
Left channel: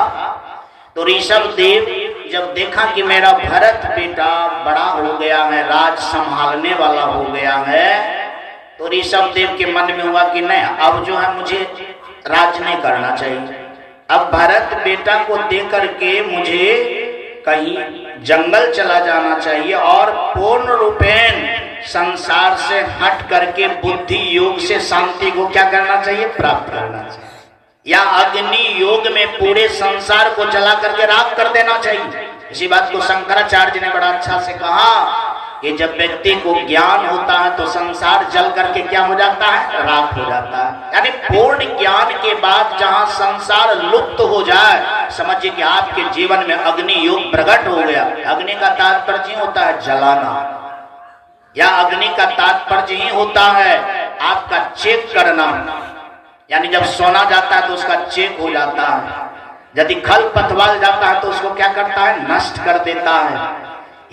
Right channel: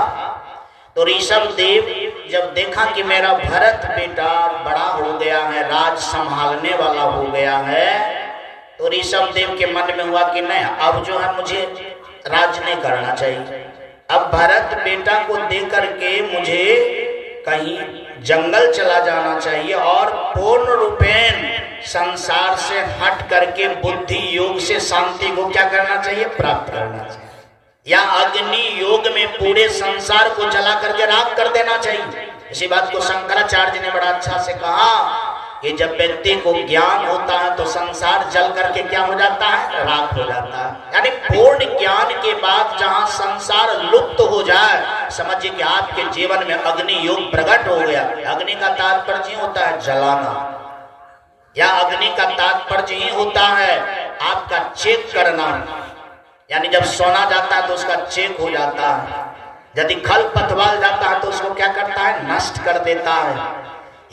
तो ऋषभ देव जब देखा कि मेरा भरत बेटा बड़ा हो गया है, राज संभालने वाला हो गया है, तो ऋषभ देव के मन में हुआ कि नहीं, अब जो है मुझे राज नहीं करना चाहिए। अब भरत बेटा को दे करके मुझे कहीं जंगल चला जाना चाहिए और पूर्ण रूपेण संसार से हट करके बुद्धि योग से शांति को क्या करना चाहिए? प्राप्त करना चाहिए, या अग्नि योग में पूरे संसार को जला करके राख कर देना चाहिए। इसी बात को शंकराचार्य ने बड़ा अच्छा से कहा कि जब व्यक्ति को ज्ञान होता है तो संसार जल करके क्या हो जाता है? राख हो जाता है। यानी पूर्ण ज्ञान के बाद जहां संसार लुप्त हो जाए, समझिए कि आपके जीवन में अग्नि योग प्रकट हो गया। अग्नि का तात्पर्य होता है जलाना, या अग्नि का तात्पर्य ही होता है आपका चेक करना। यानी जब सोना जाता है तो उसका चेक हो जाता है, यदि खल पतवार जाता है तो उसको क्या करता है? नष्ट कर देता है।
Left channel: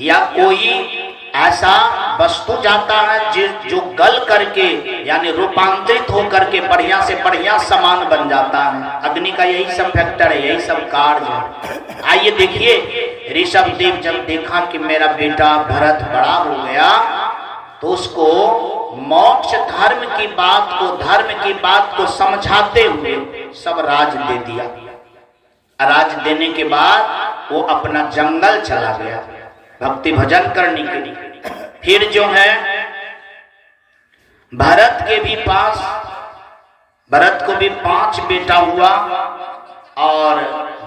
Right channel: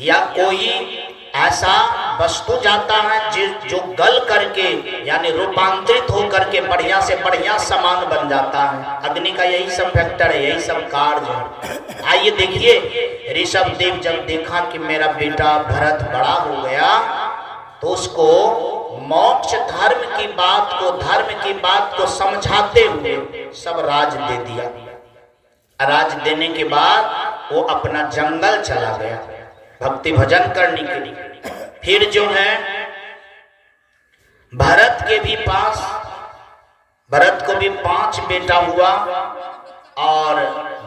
या कोई ऐसा वस्तु जाता है जो गल करके यानी रूपांतरित होकर के बढ़िया से बढ़िया सामान बन जाता है। अग्नि का यही सब फैक्टर है, यही सब कार्य है। आइए देखिए, ऋषभ देव जब देखा कि मेरा बेटा भरत बड़ा हो गया तो उसको मोक्ष धर्म की बात को समझाते हुए सब राज दे दिया। राज देने के बाद वो अपना जंगल चला गया भक्ति भजन करने के लिए। फिर जो है भरत को भी 5 बेटा हुआ, और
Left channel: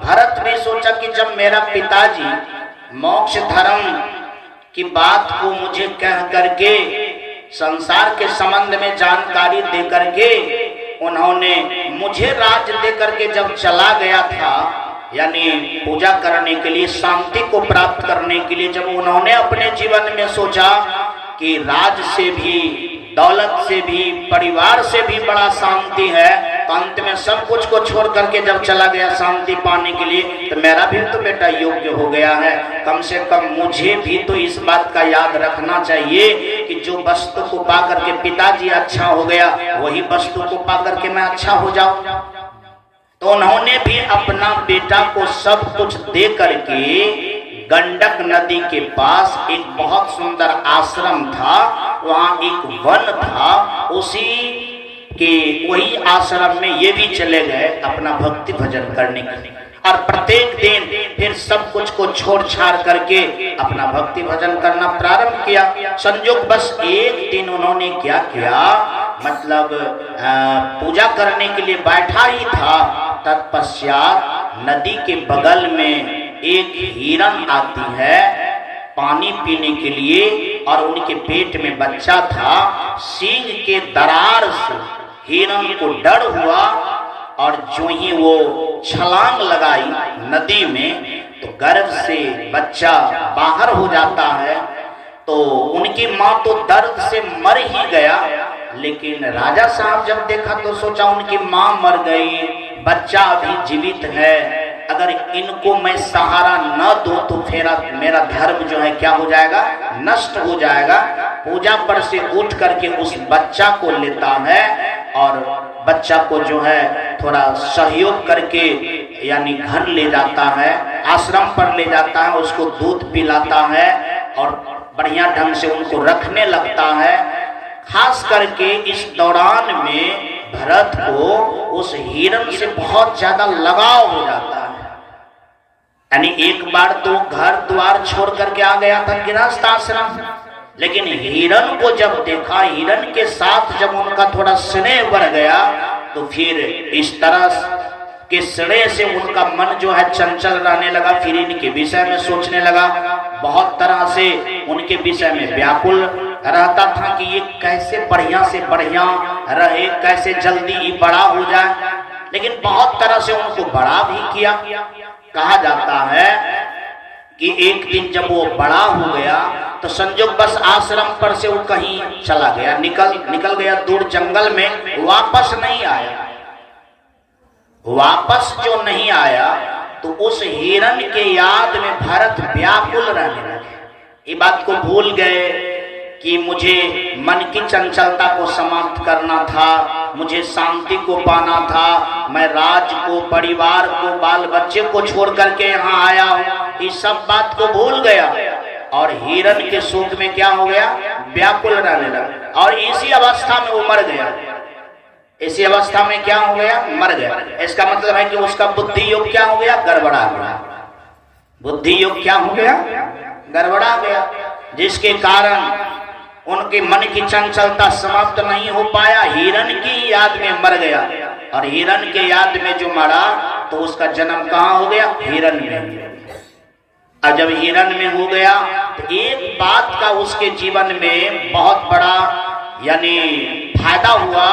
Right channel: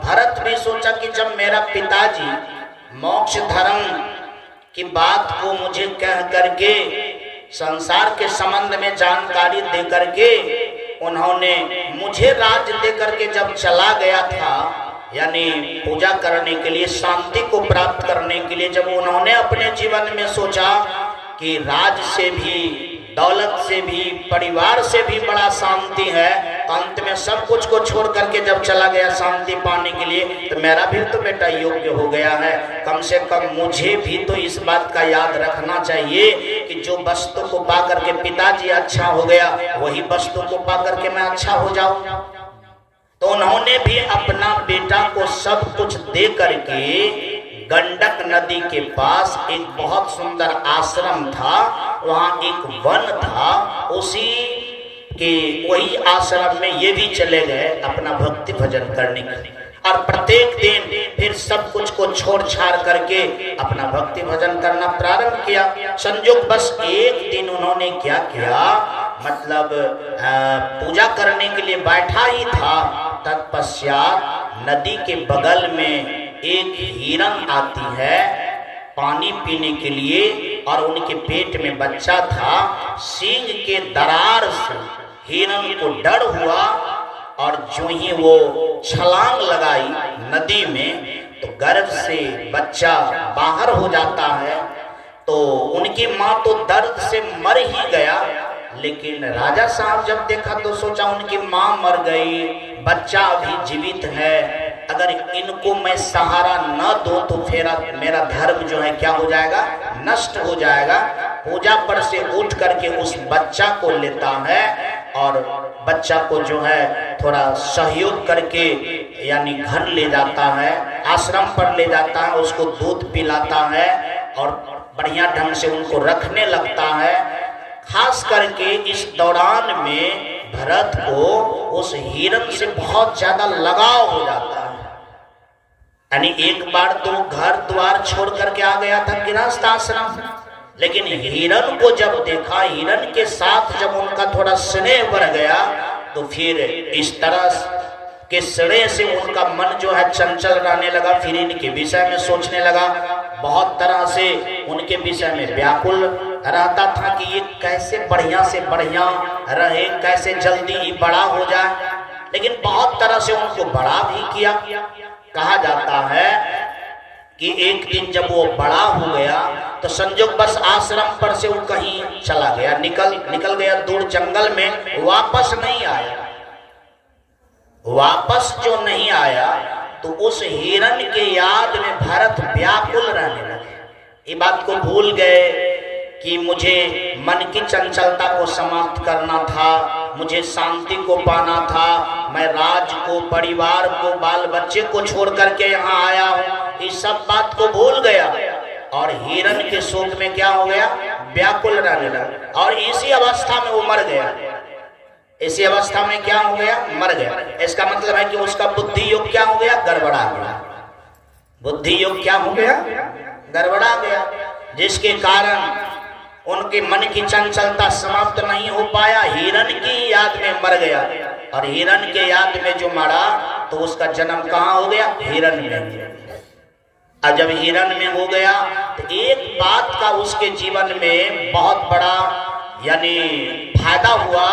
भरत ने सोचा कि जब मेरा पिताजी मोक्ष धर्म की बात को मुझे कह करके संसार के संबंध में जानकारी दे करके उन्होंने मुझे राज देकर के जब चला गया था, यानी पूजा करने के लिए, शांति को प्राप्त करने के लिए, जब उन्होंने अपने जीवन में सोचा कि राज से भी, दौलत से भी, परिवार से भी बड़ा शांति है, तो अंत में सब कुछ को छोड़ करके जब चला गया शांति पाने के लिए, तो मेरा भी तो बेटा योग्य हो गया है, कम से कम मुझे भी तो इस बात का याद रखना चाहिए कि जो वस्तु को पा करके पिताजी अच्छा हो गया, वही वस्तु को पा करके मैं अच्छा हो जाऊं। तो उन्होंने भी अपना बेटा को सब कुछ दे करके गंडक नदी के पास एक बहुत सुंदर आश्रम था, वहां एक वन था, उसी के वही आश्रम में ये भी चले गए अपना भक्ति भजन करने के लिए। और प्रत्येक दिन फिर सब कुछ को छोड़ छाड़ करके अपना भक्ति भजन करना प्रारंभ किया। संयोग बस एक दिन उन्होंने क्या किया, मतलब पूजा करने के लिए बैठा ही था, तत्पश्चात नदी के बगल में एक हिरन आती है पानी पीने के लिए, और उनके पेट में बच्चा था। सींग के दरार से हिरन को डर हुआ, और जो ही वो छलांग लगाई नदी में, तो गर्भ से बच्चा बाहर हो जाता है। तो उनकी माँ तो दर्द से मर ही गया, लेकिन राजा साहब जब देखा तो सोचा उनकी माँ मर गई, बच्चा अभी जीवित है, अगर इनको मैं सहारा न दूं तो फिर मेरा धर्म जो है क्या हो जाएगा, नष्ट हो जाएगा। पूजा पर से उठ करके उस बच्चा को लेता है और बच्चा को जो है थोड़ा सहयोग करके यानी घर ले जाता है, आश्रम पर ले जाता है, उसको दूध पिलाता है और बढ़िया ढंग से उनको रखने लगता है। खास करके इस दौरान में भरत को उस हिरन से बहुत ज्यादा लगाव हो जाता है। यानी एक बार तो घर द्वार छोड़ करके आ गया था गृहस्थ आश्रम, लेकिन हिरन को जब देखा, हिरन के साथ जब उनका थोड़ा स्नेह बढ़ गया, तो फिर इस तरह के स्नेह से उनका मन जो है चंचल रहने लगा, फिर इनके विषय में सोचने लगा, बहुत तरह से उनके विषय में व्याकुल रहता था कि ये कैसे बढ़िया से बढ़िया रहे, कैसे जल्दी ही बड़ा हो जाए। लेकिन बहुत तरह से उनको बड़ा भी किया। कहा जाता है कि एक दिन जब वो बड़ा हो गया तो संयोग बस आश्रम पर से वो कहीं चला गया, निकल गया दूर जंगल में, वापस नहीं आया। वापस जो नहीं आया तो उस हिरन के याद में भरत व्याकुल रहने लगे। ये बात को भूल गए कि मुझे मन की चंचलता को समाप्त करना था, मुझे शांति को पाना था, मैं राज को, परिवार को, बाल बच्चे को छोड़ करके यहाँ आया हूँ। इस सब बात को भूल गया और हिरन के शोक में क्या हो गया, व्याकुल रहने लगा। और इसी अवस्था में वो मर गया। इसी अवस्था में क्या हो गया, मर गया। इसका मतलब है कि उसका बुद्धि योग क्या हो गया, गड़बड़ा गया। बुद्धि योग क्या हो गया, गड़बड़ा गया, जिसके कारण उनके मन की चंचलता समाप्त नहीं हो पाया, हिरन की याद में मर गया। और हिरन के याद में जो मरा तो उसका जन्म कहाँ हो गया, हिरन में। और जब हिरन में हो गया तो एक बात का उसके जीवन में बहुत बड़ा यानी फायदा हुआ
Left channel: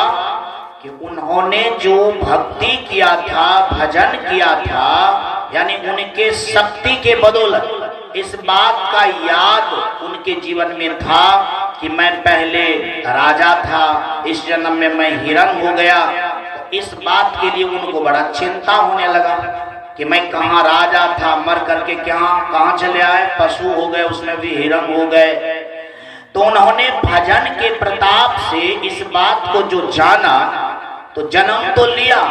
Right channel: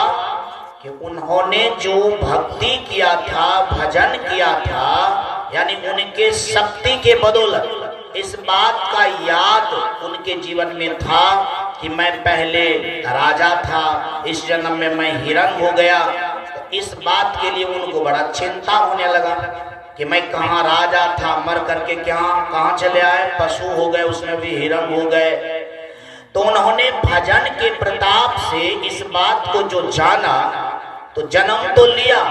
कि उन्होंने जो भक्ति किया था, भजन किया था, यानी उनके शक्ति के बदौलत इस बात का याद उनके जीवन में था कि मैं पहले राजा था, इस जन्म में मैं हिरन हो गया। इस बात के लिए उनको बड़ा चिंता होने लगा कि मैं कहाँ राजा था, मर करके कहाँ चले आए, पशु हो गए, उसमें भी हिरन हो गए। तो उन्होंने भजन के प्रताप से इस बात को जो जाना, तो जन्म तो लिया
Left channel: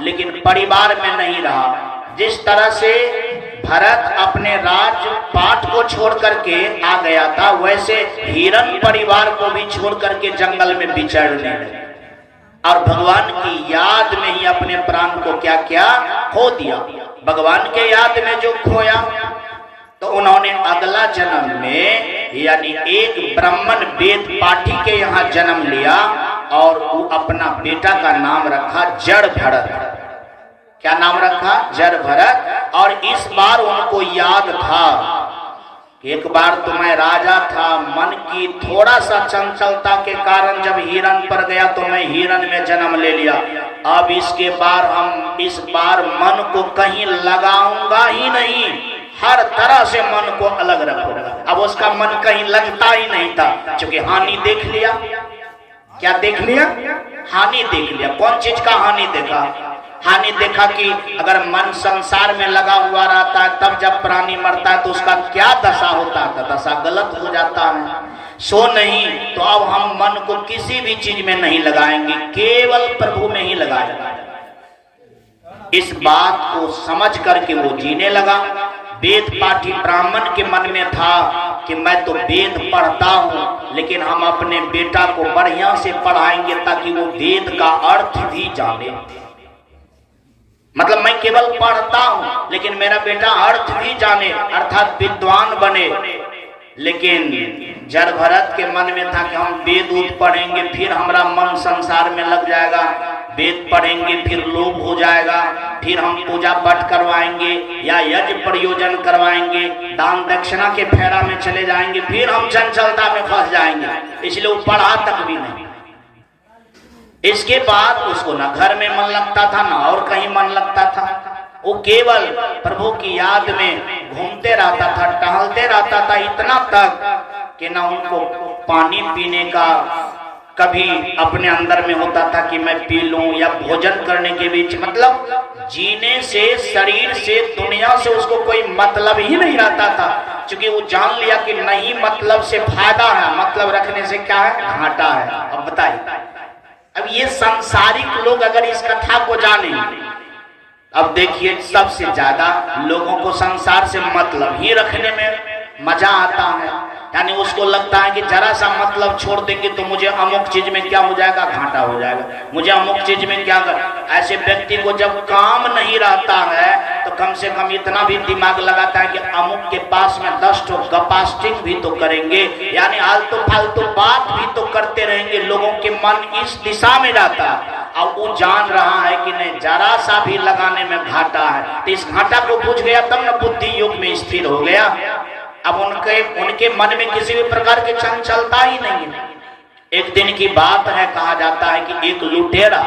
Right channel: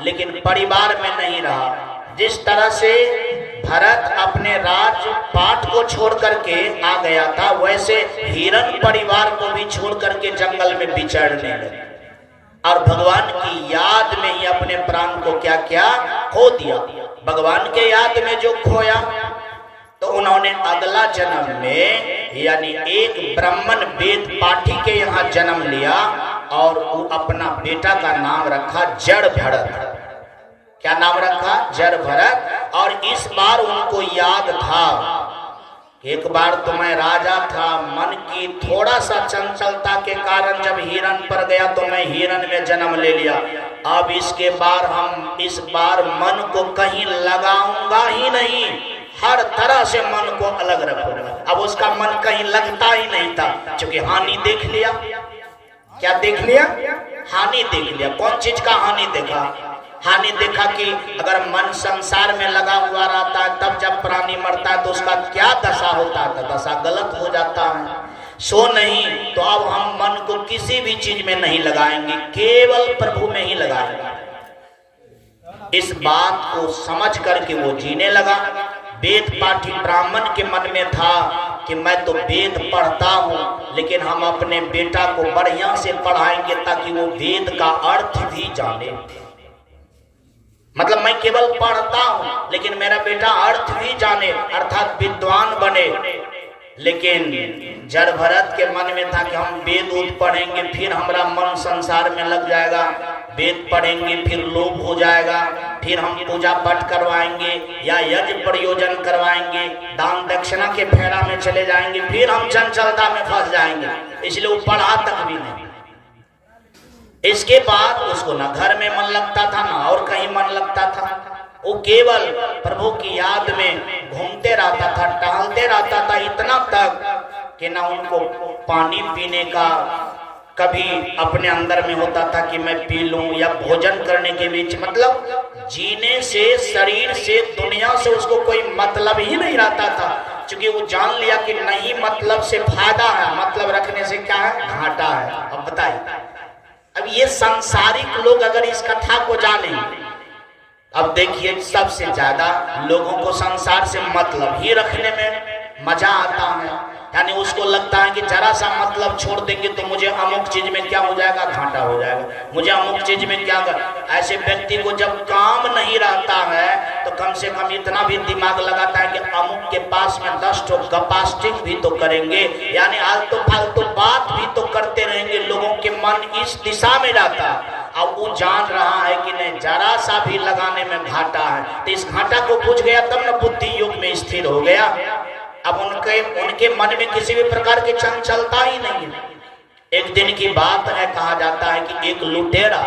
लेकिन परिवार में नहीं रहा। जिस तरह से भरत अपने राज पाट को छोड़ करके आ गया था, वैसे हिरन परिवार को भी छोड़ करके जंगल में विचरने लगे और भगवान की याद में ही अपने प्राण को क्या क्या खो दिया। भगवान के याद में जो खोया तो उन्होंने अगला जन्म में यानी एक ब्राह्मण वेद पाठी के यहाँ जन्म लिया और वो अपना बेटा का नाम रखा जड़ भरत। क्या नाम रखा, जड़ भरत। और इस बार उनको याद था एक बार तो मैं राजा था, मन की थोड़ा सा चंचलता के कारण जब हिरण पर गया तो मैं हिरण में जन्म ले लिया। अब इसके इस बार मन को कहीं लगाऊंगा ही नहीं, हर तरह से मन को अलग रखूंगा। अब उसका मन कहीं लगता ही नहीं था, क्योंकि हानि देख लिया। क्या देख लिया? हानि देख लिया। कौन चीज का हानि देखा? हानि देखा कि अगर मन संसार में लगा हुआ रहता है, तब जब प्राणी मरता है तो उसका क्या दशा होता है? दशा गलत हो जाता है। सो नहीं तो अब हम मन को किसी भी चीज में नहीं लगाएंगे, केवल प्रभु में ही लगाएंगे। इस बात को समझ करके वो जीने लगा। वेद पाठी ब्राह्मण के मन में था कि मैं तो वेद पढ़ता हूं, लेकिन हम अपने बेटा को बढ़िया से पढ़ाएंगे ताकि वो वेद का अर्थ भी जाने। मतलब मैं केवल पढ़ता हूं लेकिन मेरा बेटा अर्थ भी जाने, अर्थात विद्वान बने। लेकिन जड़ भरत के मन में था कि हम वेद पढ़ेंगे फिर हमारा मन संसार में लग जाएगा, वेद पढ़ेंगे फिर लोभ हो जाएगा, फिर हम पूजा पाठ करवाएंगे या यज्ञ प्रयोजन करवाएंगे, दान दक्षिणा के फेरा में चले जाएंगे, फिर हम चंचलता में फंस जाएंगे। इसलिए वो पढ़ा तक भी नहीं। इसके बाद उसको ना घर में मन लगता था ना और कहीं मन लगता था। वो केवल प्रभु की याद में घूमते रहता था, टहलते रहता था, इतना तक कि ना उनको पानी पीने का कभी अपने अंदर में होता था कि मैं पी लूं, या भोजन करने के बीच, मतलब जीने से, शरीर से, दुनिया से उसको कोई मतलब ही नहीं रहता था। क्योंकि वो जान लिया कि नहीं मतलब से फायदा है, मतलब रखने से क्या है? घाटा है। अब बताइए, अब ये सांसारिक लोग अगर इस कथा को जाने, अब देखिए सबसे ज्यादा लोगों को संसार से मतलब ही रखने में मजा आता है। यानी उसको लगता है कि जरा सा मतलब छोड़ देंगे तो मुझे अमुक चीज में क्या हो जाएगा? घाटा हो जाएगा, मुझे अमुक चीज में क्या। ऐसे व्यक्ति को जब काम नहीं रहता है तो कम से कम इतना भी दिमाग लगाता है कि अमुक के पास में 10 ठो गपास्टिंग भी तो करेंगे, यानी आलतू फालतू बात भी तो करते रहेंगे। लोगों के मन इस दिशा में जाता है। अब वो जान रहा है कि नहीं, जरा सा भी लगाने में घाटा है, तो इस घाटा को बुझ गया तब न बुद्धि योग में स्थिर हो गया। अब उनके मन में किसी भी प्रकार की चंचलता ही नहीं है। एक दिन की बात है, कहा जाता है कि एक लुटेरा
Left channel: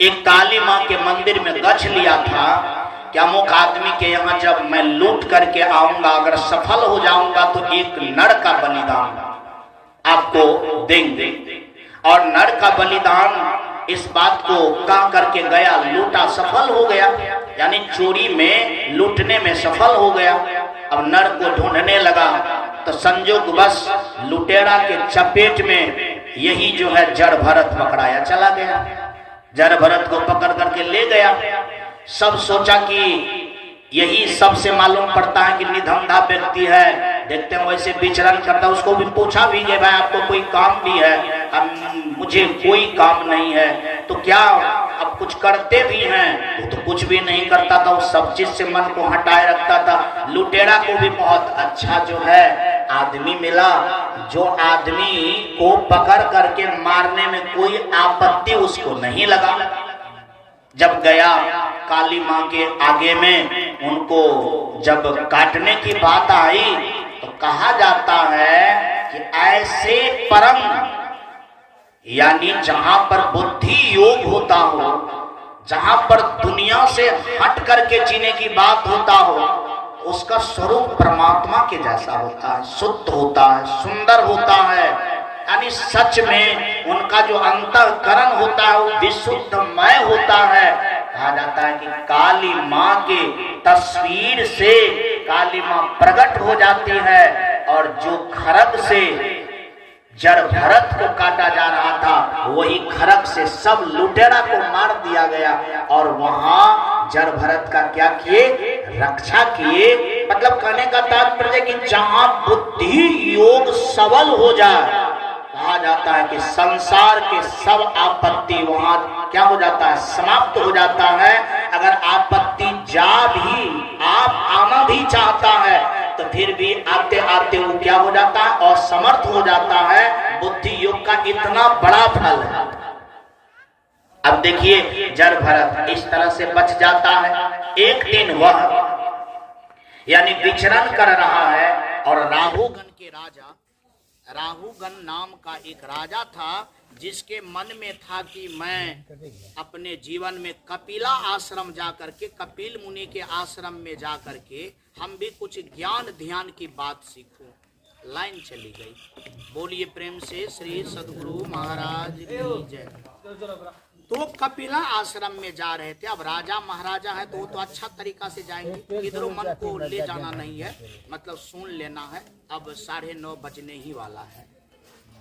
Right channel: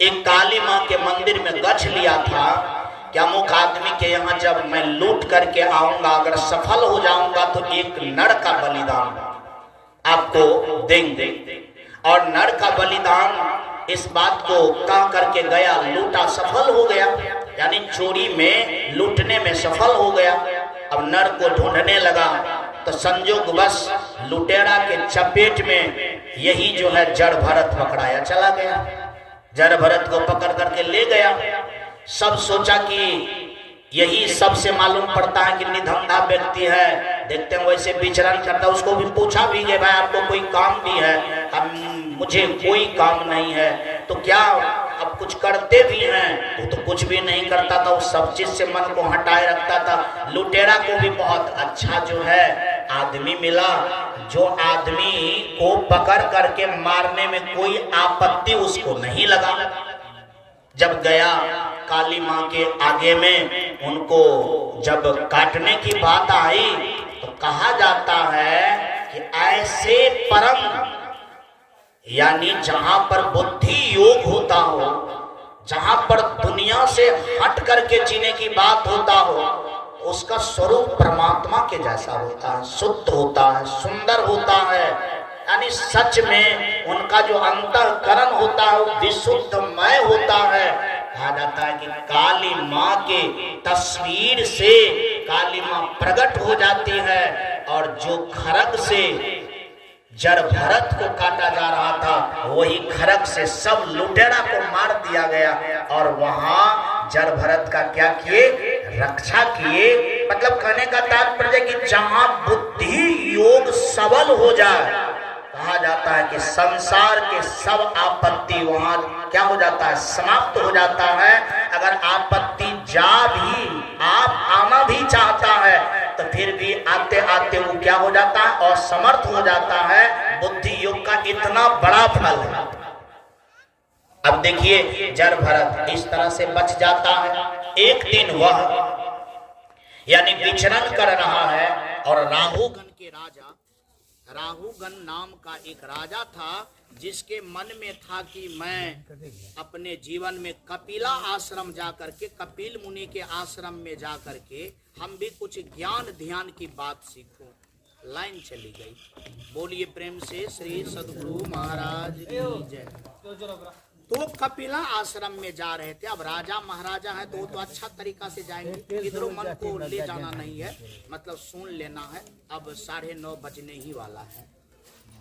एक काली माँ के मंदिर में गछ लिया था कि अमुक आदमी के यहाँ जब मैं लूट करके आऊंगा, अगर सफल हो जाऊंगा तो एक नर का बलिदान आपको देंगे। और नर का बलिदान इस बात को कह करके गया, लूटा, सफल हो गया, यानी चोरी में, लूटने में सफल हो गया। अब नर को ढूंढने लगा तो संजोगवश लुटेरा के चपेट में यही जो है जड़ भरत पकड़ाया चला गया। जड़ भरत को पकड़ करके ले गया। सब सोचा कि यही सबसे मालूम पड़ता है कि निधंधा व्यक्ति है, देखते हैं वैसे विचरण करता। उसको भी पूछा भी गया, भाई आपको कोई काम भी है? मुझे कोई काम नहीं है। तो क्या अब कुछ करते भी हैं? वो तो कुछ भी नहीं करता था, वो सब चीज से मन को हटाए रखता था। लुटेरा को भी बहुत अच्छा जो है आदमी मिला, जो आदमी को पकड़ करके मारने में कोई आपत्ति उसको नहीं लगा। जब गया काली माँ के आगे में, उनको जब काटने की बात आई तो कहा जाता है कि ऐसे परम, यानी जहां पर बुद्धि योग होता हो, जहां पर दुनिया से हट करके जीने की बात होता हो, उसका स्वरूप परमात्मा के जैसा होता है, शुद्ध होता है, सुंदर होता है। यानी सच में उनका जो अंतःकरण होता है वो विशुद्धमय होता है। कहा जाता है कि काली माँ के तस्वीर से काली माँ प्रकट हो जाती है, और जो खरग से जड़ भरत को काटा जा रहा था वही खरग से सब लुटेरा को मार दिया गया। और वहां जड़ भरत का क्या किए? रक्षा किए। मतलब कहने का तात्पर्य कि जहां बुद्धि योग सबल हो जाए, कहा जाता है कि संसार के सब आपत्ति वहां क्या हो जाता है? समाप्त हो जाता है। अगर आपत्ति आप आना भी चाहता है तो फिर भी आते आते वो क्या हो जाता है? असमर्थ हो जाता है। बुद्धि योग का इतना बड़ा फल है। अब देखिए जड़ भरत इस तरह से बच जाता है। एक दिन वह यानी विचरण कर रहा है। और राहुगण के राजा, राहुगण नाम का एक राजा था जिसके मन में था कि मैं अपने जीवन में कपिला आश्रम जा करके, कपिल मुनि के आश्रम में जा करके हम भी कुछ ज्ञान ध्यान की बात सीखूं। लाइन चली गई। बोलिए प्रेम से श्री सद्गुरु महाराज की जय। तो कपिला आश्रम में जा रहे थे। अब राजा महाराजा है तो वो तो अच्छा तरीका से जाएंगे, इधरों मन को ले जाना नहीं है, मतलब सुन लेना है। अब 9:30 बजने ही वाला है,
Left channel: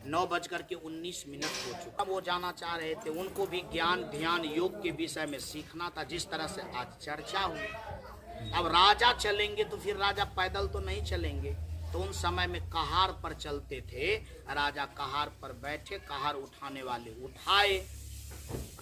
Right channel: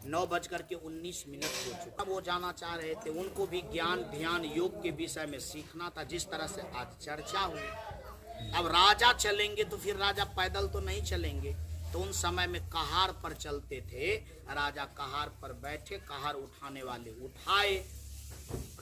9:19 हो चुका। अब वो जाना चाह रहे थे, उनको भी ज्ञान ध्यान योग के विषय में सीखना था, जिस तरह से आज चर्चा हुई। अब राजा चलेंगे तो फिर राजा पैदल तो नहीं चलेंगे, तो उन समय में कहार पर चलते थे। राजा कहार पर बैठे, कहार उठाने वाले उठाए।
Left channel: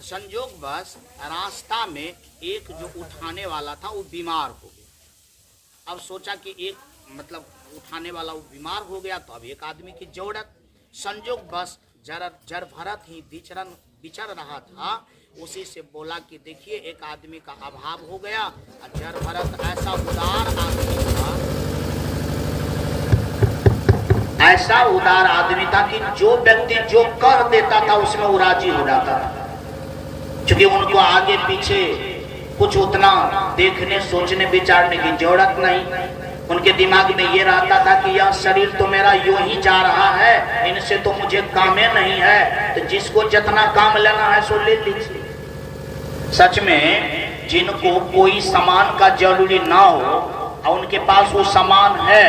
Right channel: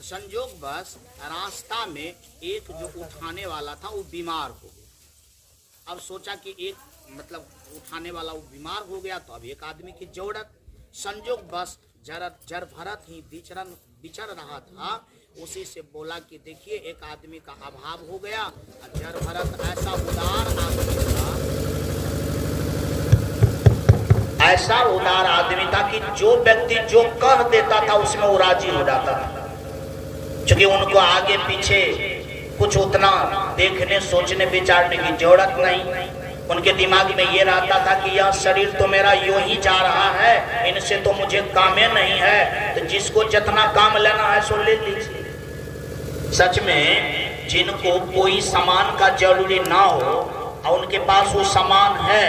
संजोग बस रास्ता में एक जो उठाने वाला था वो बीमार हो गया। अब सोचा कि एक मतलब उठाने वाला वो बीमार हो गया तो अब एक आदमी की जरूरत। संजोग बस जर भरत ही विचर रहा था, उसी से बोला कि देखिए एक आदमी का अभाव हो गया। जर भरत ऐसा उदार आदमी था, ऐसा उदार आदमी था कि जो व्यक्ति जो कह देता था उसमें वो राजी हो जाता था। क्योंकि उनको आगे पीछे कुछ उतना देखने सोचने विचारने की जरूरत नहीं। उनके दिमाग में ये रहता था कि यह शरीर तो मेरा यूं ही जा रहा है, इनसे तो मुझे कामे नहीं है, तो जिसको जितना काम लेना है सो ले लीजिए। सच में जिनको कोई सामान का जरूरी ना हो और उनके पास वो सामान है,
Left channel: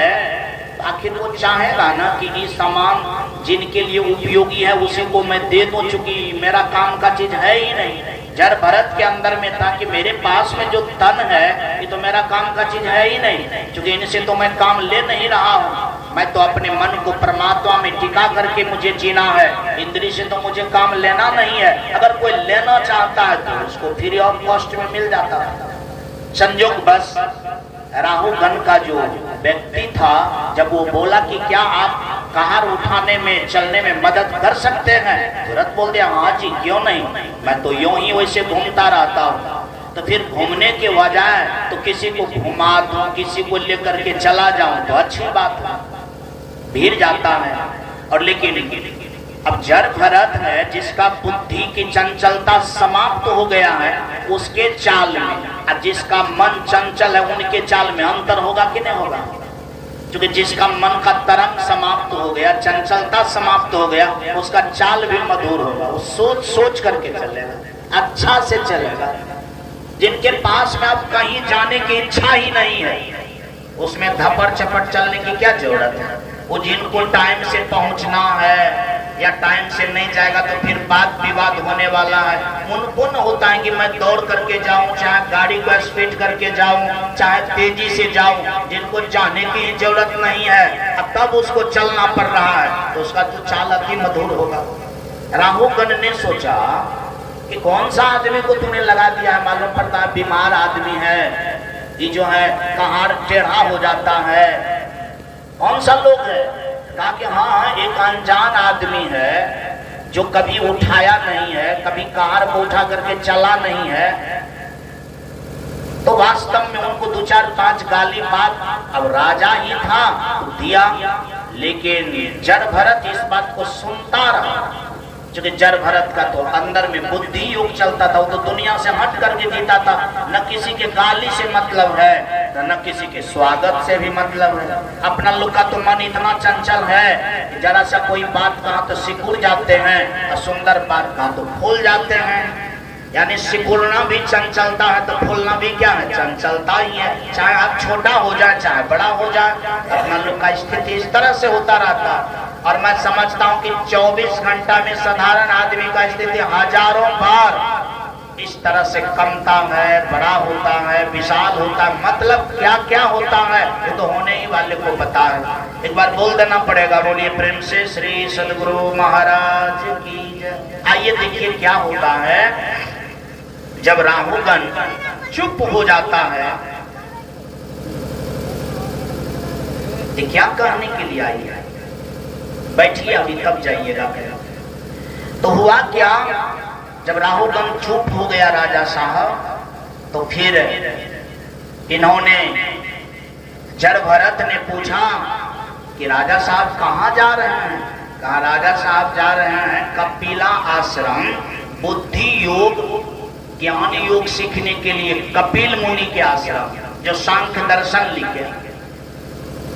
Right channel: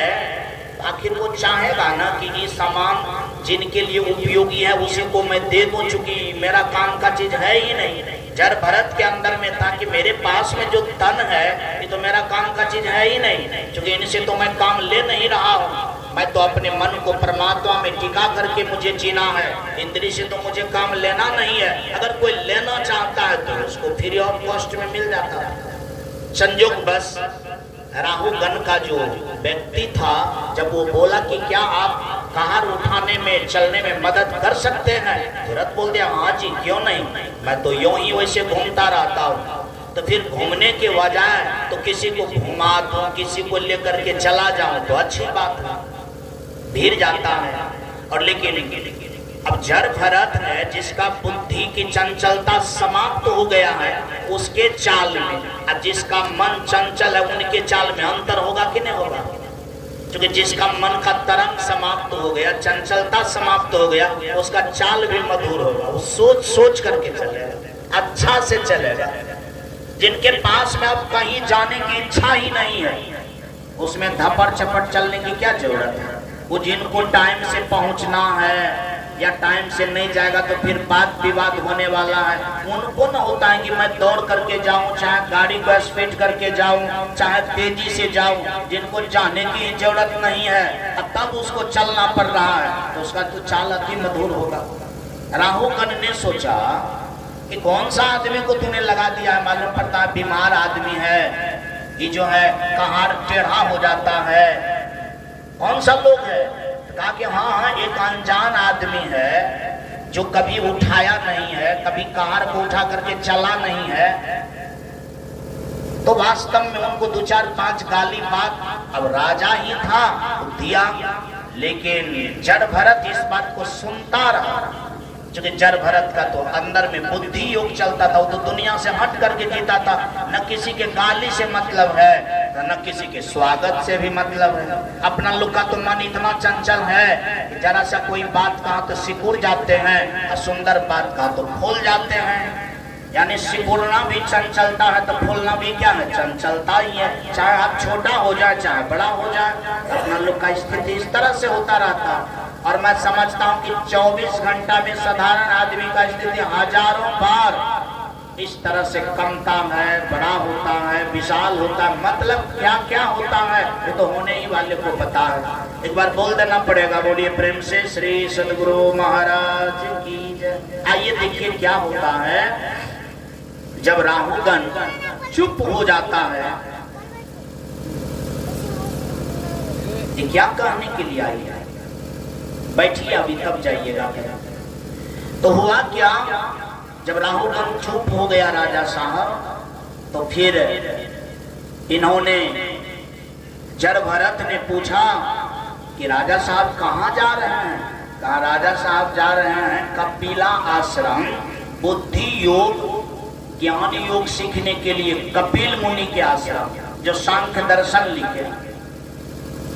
आखिर वो चाहेगा ना कि ये सामान जिनके लिए उपयोगी है उसी को मैं दे दूं, चूंकि मेरा काम का चीज है ही नहीं। जर भरत के अंदर में था कि मेरे पास में जो तन है ये तो मेरा काम का चीज है ही नहीं, क्योंकि इनसे तो मैं काम ले नहीं रहा हूँ। मैं तो अपने मन को परमात्मा में टिका करके मुझे जीना है, इंद्रिय से तो मुझे काम लेना नहीं है। अगर कोई लेना चाहता है तो उसको फ्री ऑफ कॉस्ट में मिल जाता है। संयोग बस राहुगण का जो व्यक्ति था, जब वो बोला कि क्या आप कहार उठाने में चलने में मदद कर सकते हैं, तुरंत बोल दिया हाँ जी क्यों नहीं, मैं तो यूं ही वैसे घूमता रहता हूँ। तो फिर घूमने के बजाय तो किसी को घुमा दूं, किसी को लेकर के चला जाऊं तो अच्छी बात है, भीड़ जाता है। और लेकिन अब जर भरत है जिसका बुद्धि की चंचलता समाप्त हो गया है, उसके चाल में और जिसका मन चंचल है उनके चाल में अंतर होगा कि नहीं होगा? क्योंकि जिसका मन का तरंग समाप्त हो गया, चंचलता समाप्त हो गया, उसका चाल भी मधुर होगा। वो सोच सोच करके चलेगा, अच्छा से चलेगा। जिनके पास में अब कहीं जाने की इच्छा ही नहीं है, उसमें धपड़ चपड़ चलने की क्या जरूरत है? वो जिनको टाइम से पहुंचना है या टाइम से नहीं जाएगा तो फिर बात विवाद होने वाला है, उनको न होता है कि मैं दौड़ करके जाऊं, चाहे गाड़ी को स्पीड करके जाऊं, चाहे तेजी से जाऊं। जिनको जाने की जरूरत नहीं है तब उसको चलना पड़ रहा है, तो उसका तो चाल अति मधुर होगा। राहुगण ने सोचा कि कौन सा आदमी को तूने लगा दिया है, मालूम पड़ता है बीमार आदमी है, ये जो है कहार टेढ़ा हो जाता है, कौन सा लोग है? कहा कि हाँ एक अनजान आदमी है जो कभी उठाया नहीं है, कभी कार को उठा करके चला नहीं है। तो वास्तव में उनको 2-4-5 गाली बात अब राजा ही था तो दिया, लेकिन जर भरत इस बात को सुनता रहा। क्योंकि जर भरत का तो अंदर में बुद्धि योग चलता था, वो तो दुनिया से हट करके जीता था, न किसी के गाली से मतलब है न किसी के स्वागत से भी मतलब है। अपना लोग का तो मन इतना चंचल है, जरा सा कोई बात कहा तो सिकुड़ जाते हैं, और सुंदर बात कहा तो फूल जाते हैं। यानी सिकुड़ना भी चंचलता है तो फूलना भी क्या है? चंचलता ही है। चाहे आप छोटा हो जाए चाहे बड़ा हो जाए, अपना लोग का स्थिति इस तरह से होता रहता है। और मैं समझता हूँ कि 24 घंटा में साधारण आदमी का स्थिति हजारों बार इस तरह से कमता है, बड़ा होता है, विशाल होता है, मतलब क्या क्या होता है वो तो होने ही वाले को पता है। एक बार बोल देना पड़ेगा, बोलिए प्रेम से श्री सद्गुरु महाराज की जय। आइए देखिए क्या होता है जब राहुगण चुप हो जाता है। ये क्या कहने के लिए आई है? बैठिए अभी तब जाइएगा। तो हुआ क्या, जब राहुगण चुप हो गया राजा साहब, तो फिर इन्होंने जड़ भरत ने पूछा कि राजा साहब कहाँ जा रहे हैं? कहा राजा साहब जा रहे हैं कपिला आश्रम बुद्धि योग ज्ञान योग सीखने के लिए, कपिल मुनि के आश्रम जो सांख्य दर्शन लिखे।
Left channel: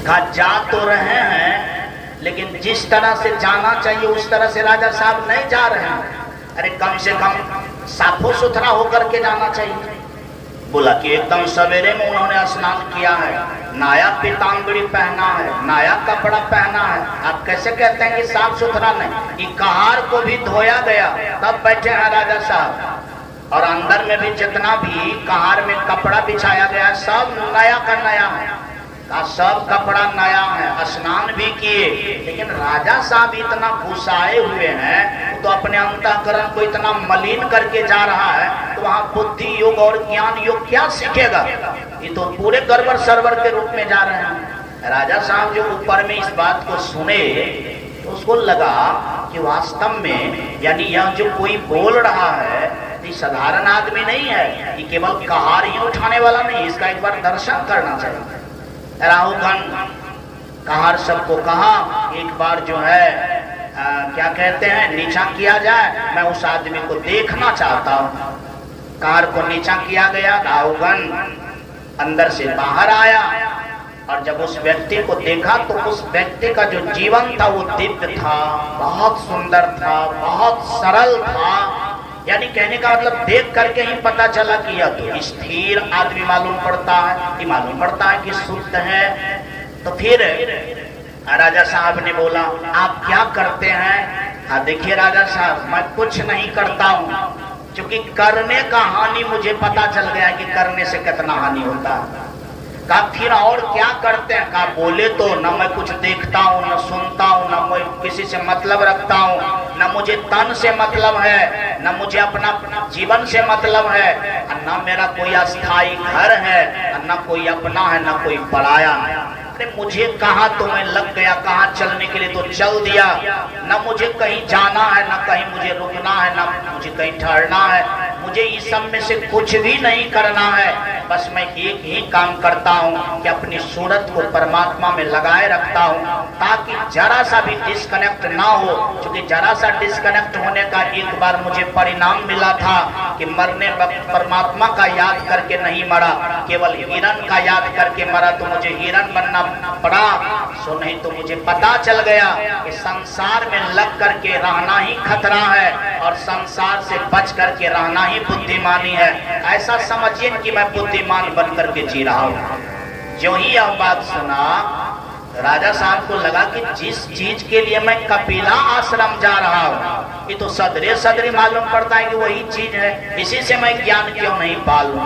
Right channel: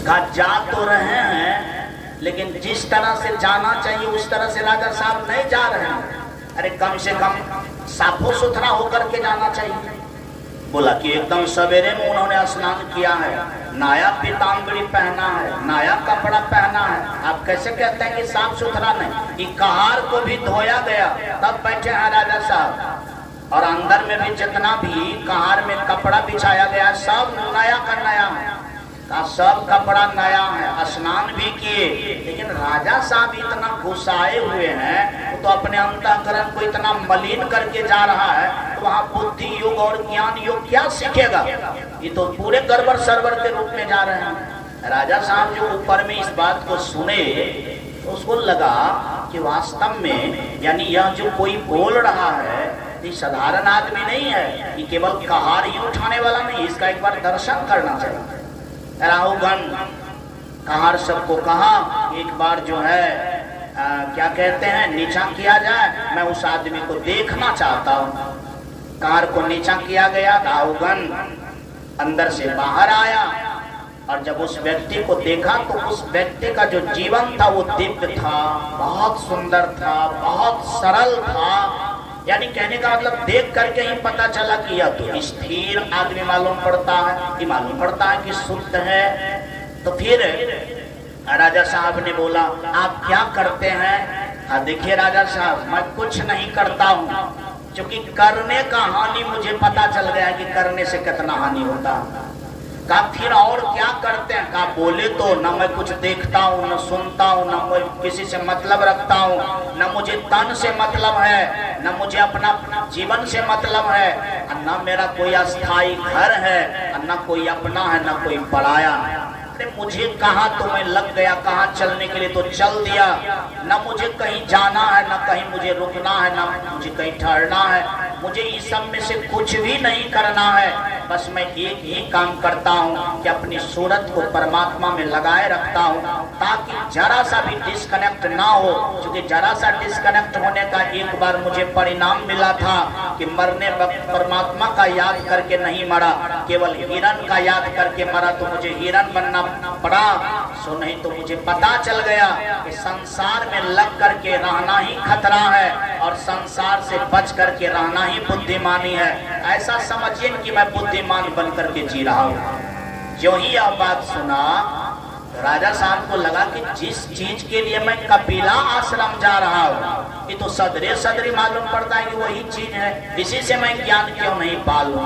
कहा जा तो रहे हैं लेकिन जिस तरह से जाना चाहिए उस तरह से राजा साहब नहीं जा रहे हैं। अरे कम से कम साफो सुथरा होकर के जाना चाहिए। बोला कि एकदम सवेरे में उन्होंने स्नान किया है, नया पीताम्बरी पहना है, नया कपड़ा पहना है, आप कैसे कहते हैं कि साफ सुथरा नहीं? ये कहार को भी धोया गया तब बैठे हैं राजा साहब, और अंदर में भी जितना भी कहार में कपड़ा बिछाया गया सब नया का नया है, का सब कपड़ा नया है, स्नान भी किए। लेकिन राजा साहब इतना गुस्साए हुए हैं तो अपने अंतःकरण को इतना मलिन करके जा रहा है तो वहां बुद्धि योग और ज्ञान योग क्या सीखेगा? ये तो पूरे गड़बड़ सरवर के रूप में जा रहे हैं। राजा साहब जो ऊपर में इस बात को सुने तो उसको लगा कि वास्तव में यानी यह जो कोई बोल रहा है ये साधारण आदमी नहीं है, ये केवल कहार ही उठाने वाला नहीं, इसका एक बार दर्शन करना चाहिए। राहुगण कहार सबको कहा एक बार जो है क्या कहते हैं नीचा किया जाए, मैं उस आदमी को देखना चाहता हूँ। कहार को नीचा किया गया, राहुगण अंदर से बाहर आया और जब उस व्यक्ति को देखा तो उस व्यक्ति का जो जीवन था वो दिव्य था, बहुत सुंदर था, बहुत सरल था। यानी कहने का मतलब देख करके ही पता चला कि यह तो स्थिर आदमी मालूम पड़ता है, ये मालूम पड़ता है कि शुद्ध है। तो फिर राजा साहब ने बोला आप क्या करते हैं? हाँ देखिए राजा साहब मैं कुछ नहीं करता हूँ, क्योंकि करने का हानि मुझे पता चल गया कि करने से कितना हानि होता है। कहा फिर और क्या करते हैं? कहा बोले तो न मैं कुछ देखता हूँ, न सुनता हूँ, न मैं किसी से मतलब रखता हूँ, न मुझे तन से मतलब है, न मुझे अपना जीवन से मतलब है, न मेरा कोई अस्थाई घर है, न कोई अपना है, न कोई पराया है। अरे मुझे कहाँ तो मैं लग गया, कहाँ चलने के लिए तो चल दिया, न मुझे कहीं जाना है, न कहीं मुझे रुकना है, न मुझे कहीं ठहरना है। मुझे इस सब में से कुछ भी नहीं करना है, बस मैं एक ही काम करता हूँ कि अपनी सूरत को परमात्मा में लगाए रखता हूँ ताकि जरा सा भी डिस्कनेक्ट ना हो। क्योंकि जरा सा डिस्कनेक्ट होने का एक बार मुझे परिणाम मिला था कि मरने वक्त परमात्मा का याद करके नहीं मरा, केवल हिरण का याद करके मरा, तो मुझे हिरण बनना पड़ा। सो नहीं तो मुझे पता चल गया कि संसार में लग करके रहना ही खतरा है और संसार से बच करके रहना ही बुद्धिमानी है। ऐसा समझिए कि मैं बुद्धिमान बन करके जी रहा हूँ। जो ही यह बात सुना राजा साहब को लगा कि जिस चीज के लिए मैं कपिला आश्रम जा रहा हूँ ये तो सदरे सदरी मालूम पड़ता है कि वही चीज है, इसी से मैं ज्ञान क्यों नहीं पालूं।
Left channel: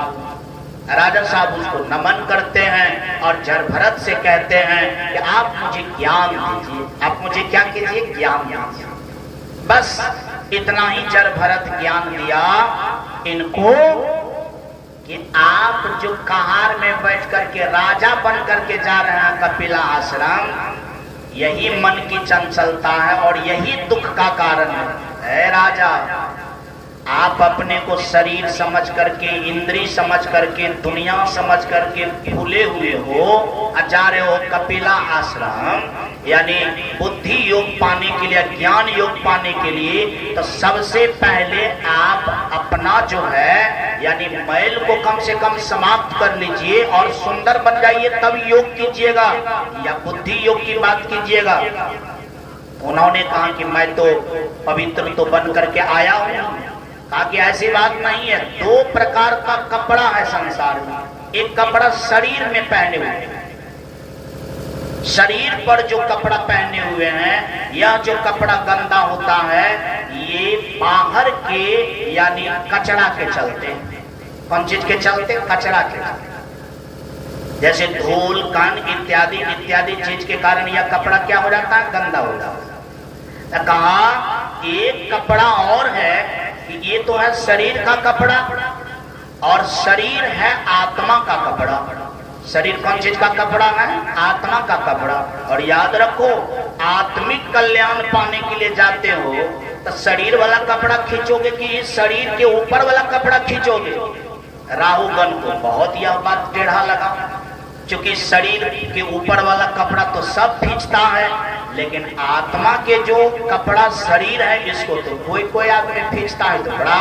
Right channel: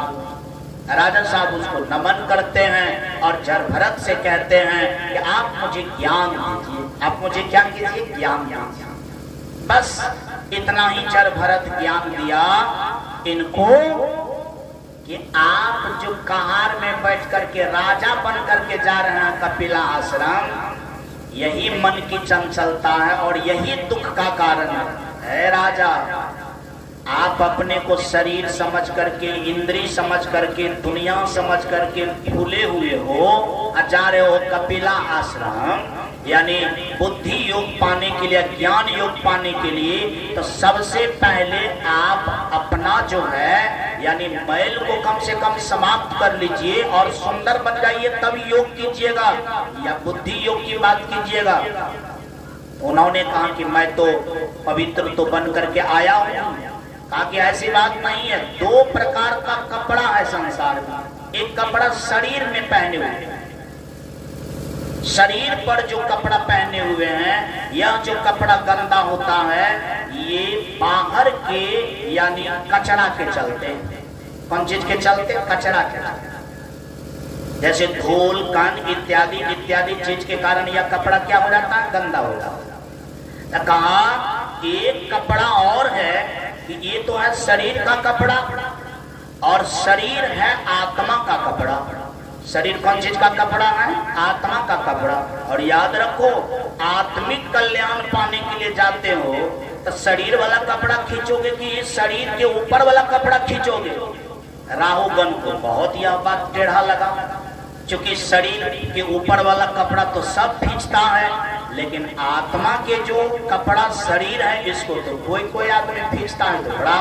राजा साहब उसको नमन करते हैं और जड़ भरत से कहते हैं कि आप मुझे ज्ञान दीजिए, आप मुझे क्या कीजिए? ज्ञान दीजिए। बस इतना ही जड़ भरत ज्ञान दिया इनको कि आप जो कहार में बैठ करके राजा बन करके जा रहे हैं कपिला आश्रम, यही मन की चंचलता है और यही दुख का कारण है। राजा आप अपने को शरीर समझ करके, इंद्री समझ करके, दुनिया समझ करके भूले हुए हो, जा रहे हो कपिला आश्रम यानी बुद्धि योग पाने के लिए, ज्ञान योग पाने के लिए। तो सबसे पहले आप अपना जो है यानी मैल को कम से कम समाप्त कर लीजिए और सुंदर बन जाइए, तब योग कीजिएगा या बुद्धि योग की बात कीजिएगा। उन्होंने कहा कि मैं तो पवित्र तो बन करके आया हूँ। कहा कि ऐसी बात नहीं है, दो प्रकार का कपड़ा है संसार में। एक कपड़ा शरीर में पहने हुए, शरीर पर जो कपड़ा पहने हुए हैं, यह जो कपड़ा गंदा होता है ये बाहर के यानी कचरा के चलते। कौन चीज के चलते? कचरा के चलते। जैसे धूल कण इत्यादि इत्यादि चीज के कारण यह कपड़ा क्या हो जाता है? गंदा हो जाता है। कहा एक कपड़ा और है कि ये तो है शरीर का कपड़ा और शरीर है आत्मा का कपड़ा। शरीर कौन चीज का कपड़ा है? आत्मा का कपड़ा। और याद रखो आत्मिक कल्याण पाने के लिए जाते हो तो शरीर वाला कपड़ा खींचोगे कि शरीर के ऊपर वाला कपड़ा खींचोगे? राहुगण को बहुत यह बात टेढ़ा लगा। क्योंकि शरीर के ऊपर वाला कपड़ा तो सब खींचता है, लेकिन आत्मा के जो कपड़ा शरीर है इसको तो कोई कोई आदमी खींचता है। तो बड़ा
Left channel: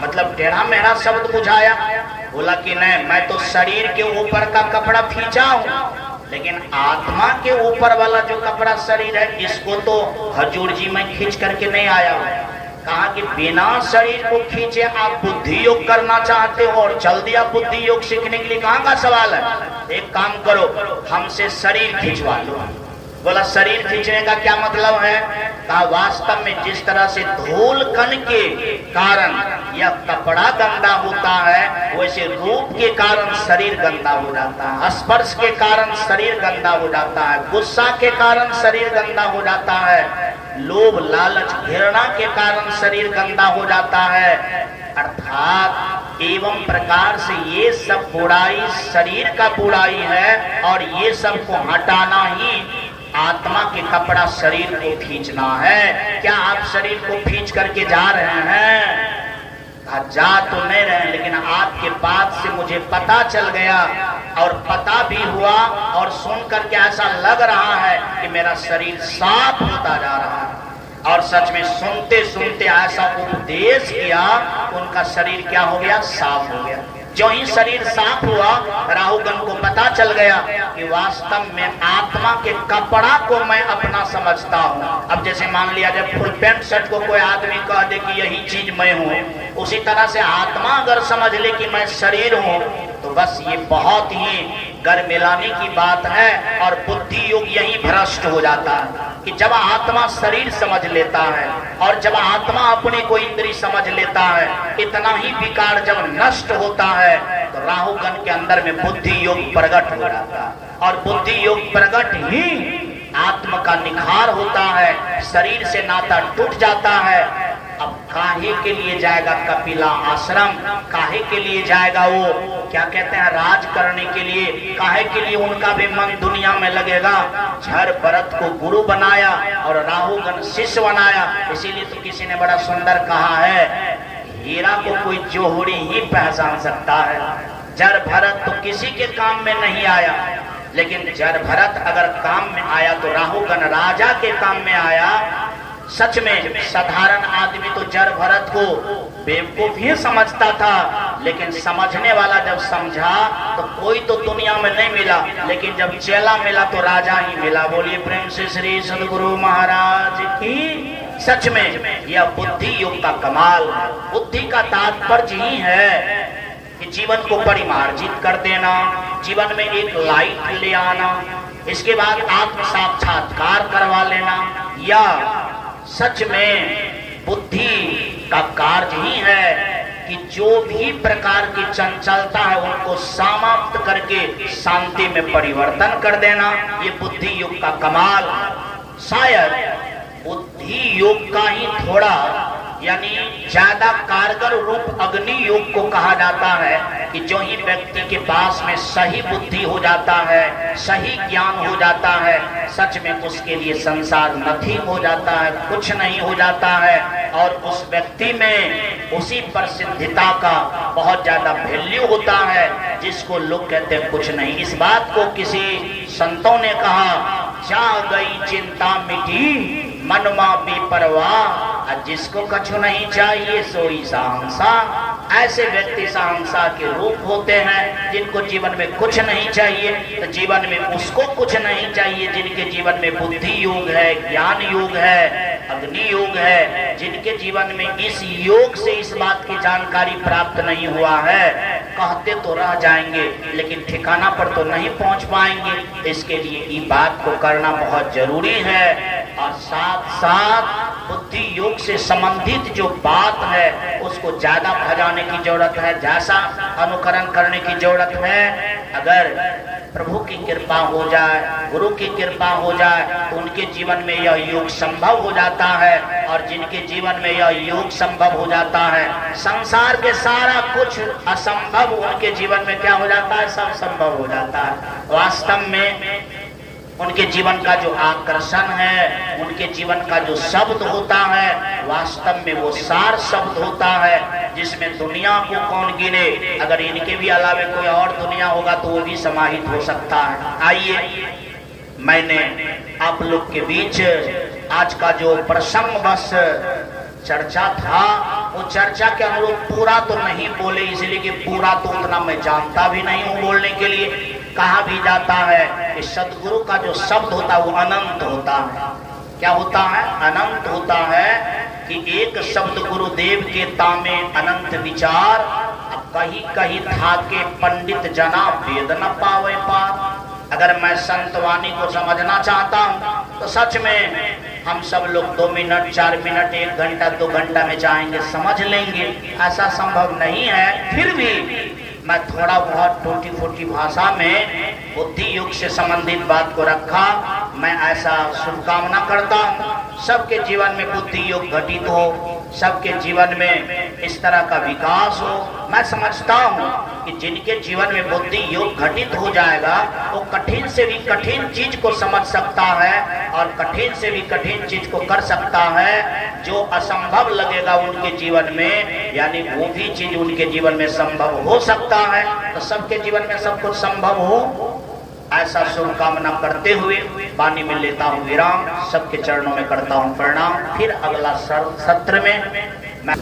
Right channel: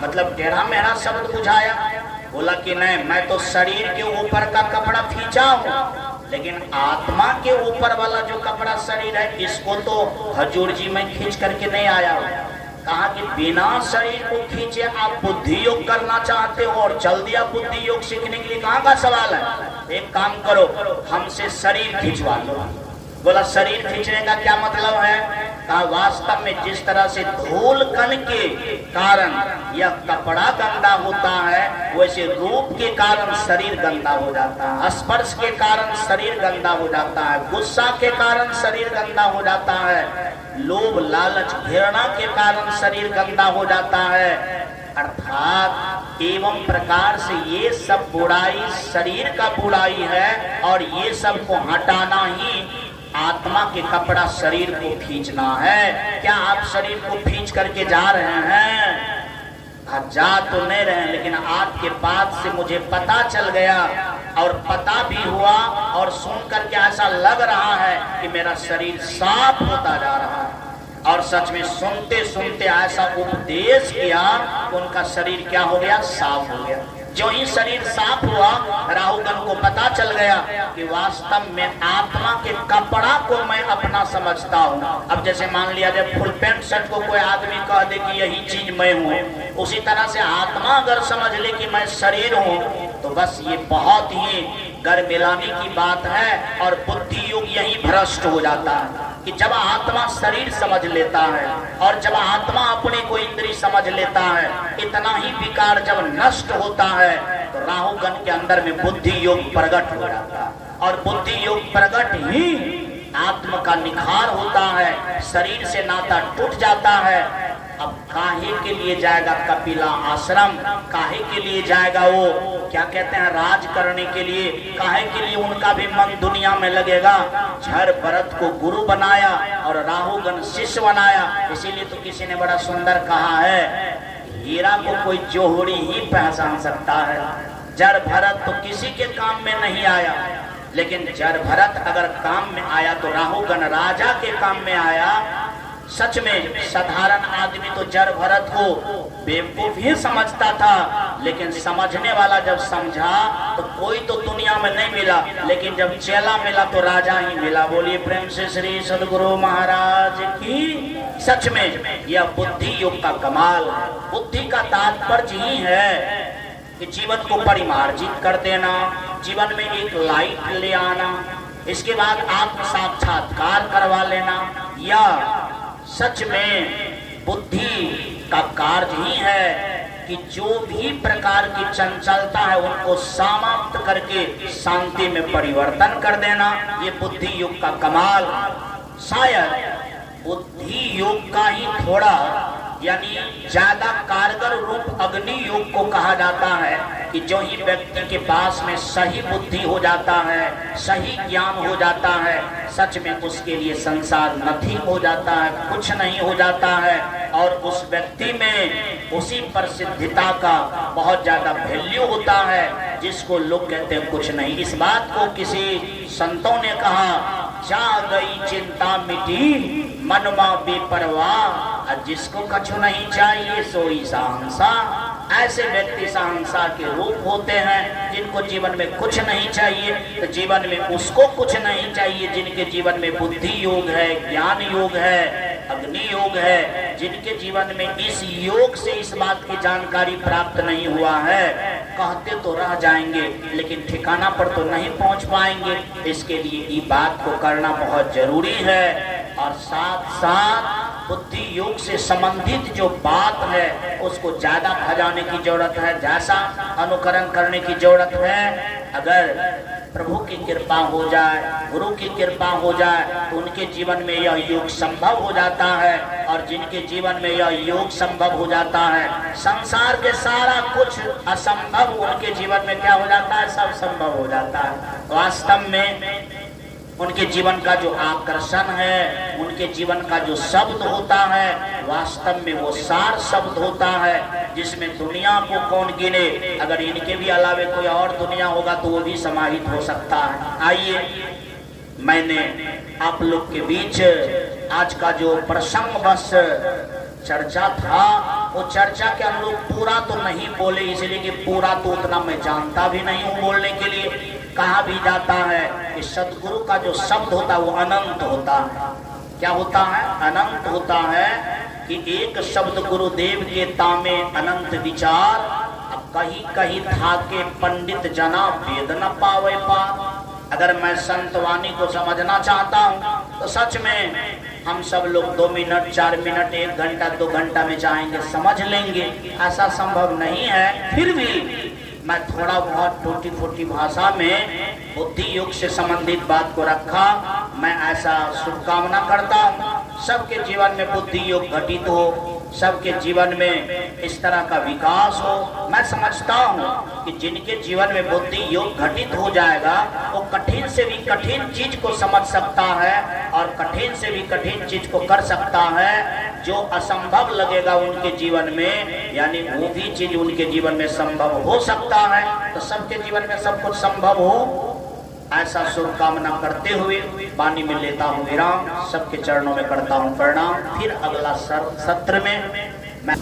मतलब टेढ़ा मेढ़ा शब्द बुझाया। बोला कि नहीं, मैं तो शरीर के ऊपर का कपड़ा खींचा हूँ, लेकिन आत्मा के ऊपर वाला जो कपड़ा शरीर है इसको तो हजूर जी मैं खींच करके नहीं आया हूँ। कहा कि बिना शरीर को खींचे आप बुद्धि योग करना चाहते हो और चल दिया बुद्धि योग सीखने के लिए। कहाँ का सवाल है? एक काम करो, हमसे शरीर खिंचवा लो। बोला शरीर खींचने का क्या मतलब है? कहा वास्तव में जिस तरह से धूल कण के कारण यह कपड़ा गंदा होता है, वैसे रूप के कारण शरीर गंदा हो जाता है, स्पर्श के कारण शरीर गंदा हो जाता है, गुस्सा के कारण शरीर गंदा हो जाता है, लोभ लालच घृणा के कारण शरीर गंदा हो जाता है। अर्थात एवं प्रकार से ये सब बुराई शरीर का बुराई है और ये सब को हटाना ही आत्मा के कपड़ा शरीर को खींचना है। क्या आप शरीर को खींच करके जा रहे हैं? जा तो नहीं रहे, लेकिन आपके बात से मुझे पता चल गया और पता भी हुआ और सुन करके ऐसा लग रहा है कि मेरा शरीर साफ होता जा रहा है। और सच में सुनते सुनते ऐसा उपदेश किया, उनका शरीर क्या हो गया? साफ हो गया। जो ही शरीर साफ हुआ, राहुगण को पता चल गया कि वास्तव में आत्मा के कपड़ा को मैं अपना समझता हूँ। अब जैसे मान लिया जाए फुल पैंट शर्ट को कोई आदमी कह दे कि यही चीज मैं हूँ, उसी तरह से आत्मा अगर समझ ले कि मैं शरीर हूँ, तो बस ये बहुत ही घर मिलाने की बात है और बुद्धि योग यही भ्रष्ट हो जाता है कि जब आत्मा शरीर समझ लेता है और जब आत्मा अपने को इंद्रिय समझ लेता है, इतना ही विकार जब नष्ट होता है तो राहुगण के अंदर में बुद्धि योग प्रकट हो जाता है और बुद्धि योग प्रकट ही आत्मा का निखार होता है, शरीर से नाता टूट जाता है। अब काहे के लिए जाएगा कपिला आश्रम? काहे के लिए जाएगा वो क्या कहते हैं राज करने के लिए? काहे के लिए उनका भी मन दुनिया में लगेगा? झर भरत को गुरु बनाया और राहुगण शिष्य बनाया। इसीलिए तो किसी ने बड़ा सुंदर कहा है, हीरा को कोई जोहरी ही पहचान सकता है, झर भरत तो किसी के काम में नहीं आया, लेकिन झर भरत अगर काम में आया तो राहुगण राजा के काम में आया। सच में साधारण आदमी तो जर भरत को बेवकूफ ही समझता था, लेकिन समझने वाला जब समझा तो कोई तो दुनिया में नहीं मिला, लेकिन जब चेला मिला तो राजा ही मिला। बोलिए प्रेम से श्री सदगुरु महाराज की। सच में यह बुद्धि योग का कमाल है। बुद्धि का तात्पर्य ही है कि जीवन को परिमार्जित कर देना, जीवन में एक लाइट ले आना, इसके बाद आत्म साक्षात्कार करवा लेना, या सच में बुद्धि का कार्य ही है कि जो भी प्रकार की चंचलता है उनको समाप्त करके शांति में परिवर्तन कर देना। ये बुद्धि योग का कमाल। शायद बुद्धि योग का ही थोड़ा यानी ज्यादा कारगर रूप अग्नि योग को कहा जाता है कि जो ही व्यक्ति के पास में सही बुद्धि हो जाता है, सही ज्ञान हो जाता है, सच में उसके लिए संसार नथिंग हो जाता है, कुछ नहीं हो जाता है और उस व्यक्ति में उसी प्रसिद्धता का बहुत ज्यादा वैल्यू होता है जिसको लोग कहते हैं कुछ नहीं। इस बात को किसी संतों ने कहा, जा गई चिंता मिटी मनमा बेपरवाह, जिसको कछु नहीं चाहिए सोई सहंसा। ऐसे व्यक्ति सहंसा के रूप होते हैं जिनको जीवन में कुछ नहीं चाहिए, तो जीवन में उसको कुछ नहीं चाहिए जिनके जीवन में बुद्धि योग है, ज्ञान योग है, अग्नि योग है, जिनके जीवन में इस योग से इस बात की जानकारी प्राप्त नहीं हुआ है। कहते तो रह जाएंगे लेकिन ठिकाना पर तो नहीं पहुंच पाएंगे। इसके लिए ये बात को करना बहुत जरूरी है और साथ साथ बुद्धि योग से संबंधित जो बात है उसको ज्यादा भजाने की जरूरत है, जैसा अनुकरण करने की जरूरत है। अगर प्रभु की कृपा हो जाए, गुरु की कृपा हो जाए तो उनके जीवन में यह योग संभव हो जाता है और जिनके जीवन में यह योग संभव हो जाता है, संसार के सारा कुछ असंभव उनके जीवन में क्या हो जाता है, सब संभव हो जाता है। वास्तव में उनके जीवन का जो आकर्षण है, उनके जीवन का जो शब्द होता है, वास्तव में वो सार शब्द होता है, जिसमें दुनिया को कौन गिने। अगर इनके भी अलावे कोई और दुनिया होगा तो वो भी समाहित हो सकता है। आइए, मैंने आप लोग के बीच आज का जो प्रसंग बस चर्चा था, वो चर्चा के हम लोग पूरा तो नहीं बोले, इसलिए कि पूरा तो उतना मैं जानता भी नहीं हूँ बोलने के लिए। कहा भी जाता है कि सदगुरु का जो शब्द होता है वो अनंत होता है। क्या होता है? अनंत होता है कि एक शब्द गुरुदेव के तामे अनंत विचार, कहीं कहीं था के पंडित जना वेद न पावे पार। अगर मैं संतवाणी को समझना चाहता हूँ तो सच में हम सब लोग 2 मिनट 4 मिनट 1 घंटा 2 घंटा में चाहेंगे समझ लेंगे, ऐसा संभव नहीं है। फिर भी मैं थोड़ा बहुत टूटी फूटी भाषा में बुद्धि योग से संबंधित बात को रखा। मैं ऐसा शुभकामना करता हूँ सबके जीवन में बुद्धि योग घटित हो, सबके जीवन में इस तरह का विकास हो। मैं समझता हूँ कि जिनके जीवन में बुद्धि योग घटित हो जाएगा वो कठिन से भी कठिन चीज को समझ सकता है और कठिन से भी कठिन चीज को कर सकता है। जो असंभव लगेगा उनके जीवन में, यानी वो भी चीज उनके जीवन में संभव हो सकता है। तो सबके जीवन में सब कुछ संभव हो, ऐसा शुभकामना करते हुए वाणी में लेता हूँ विराम। सबके चरणों में करता हूँ प्रणाम। फिर अगला सत्र में मैं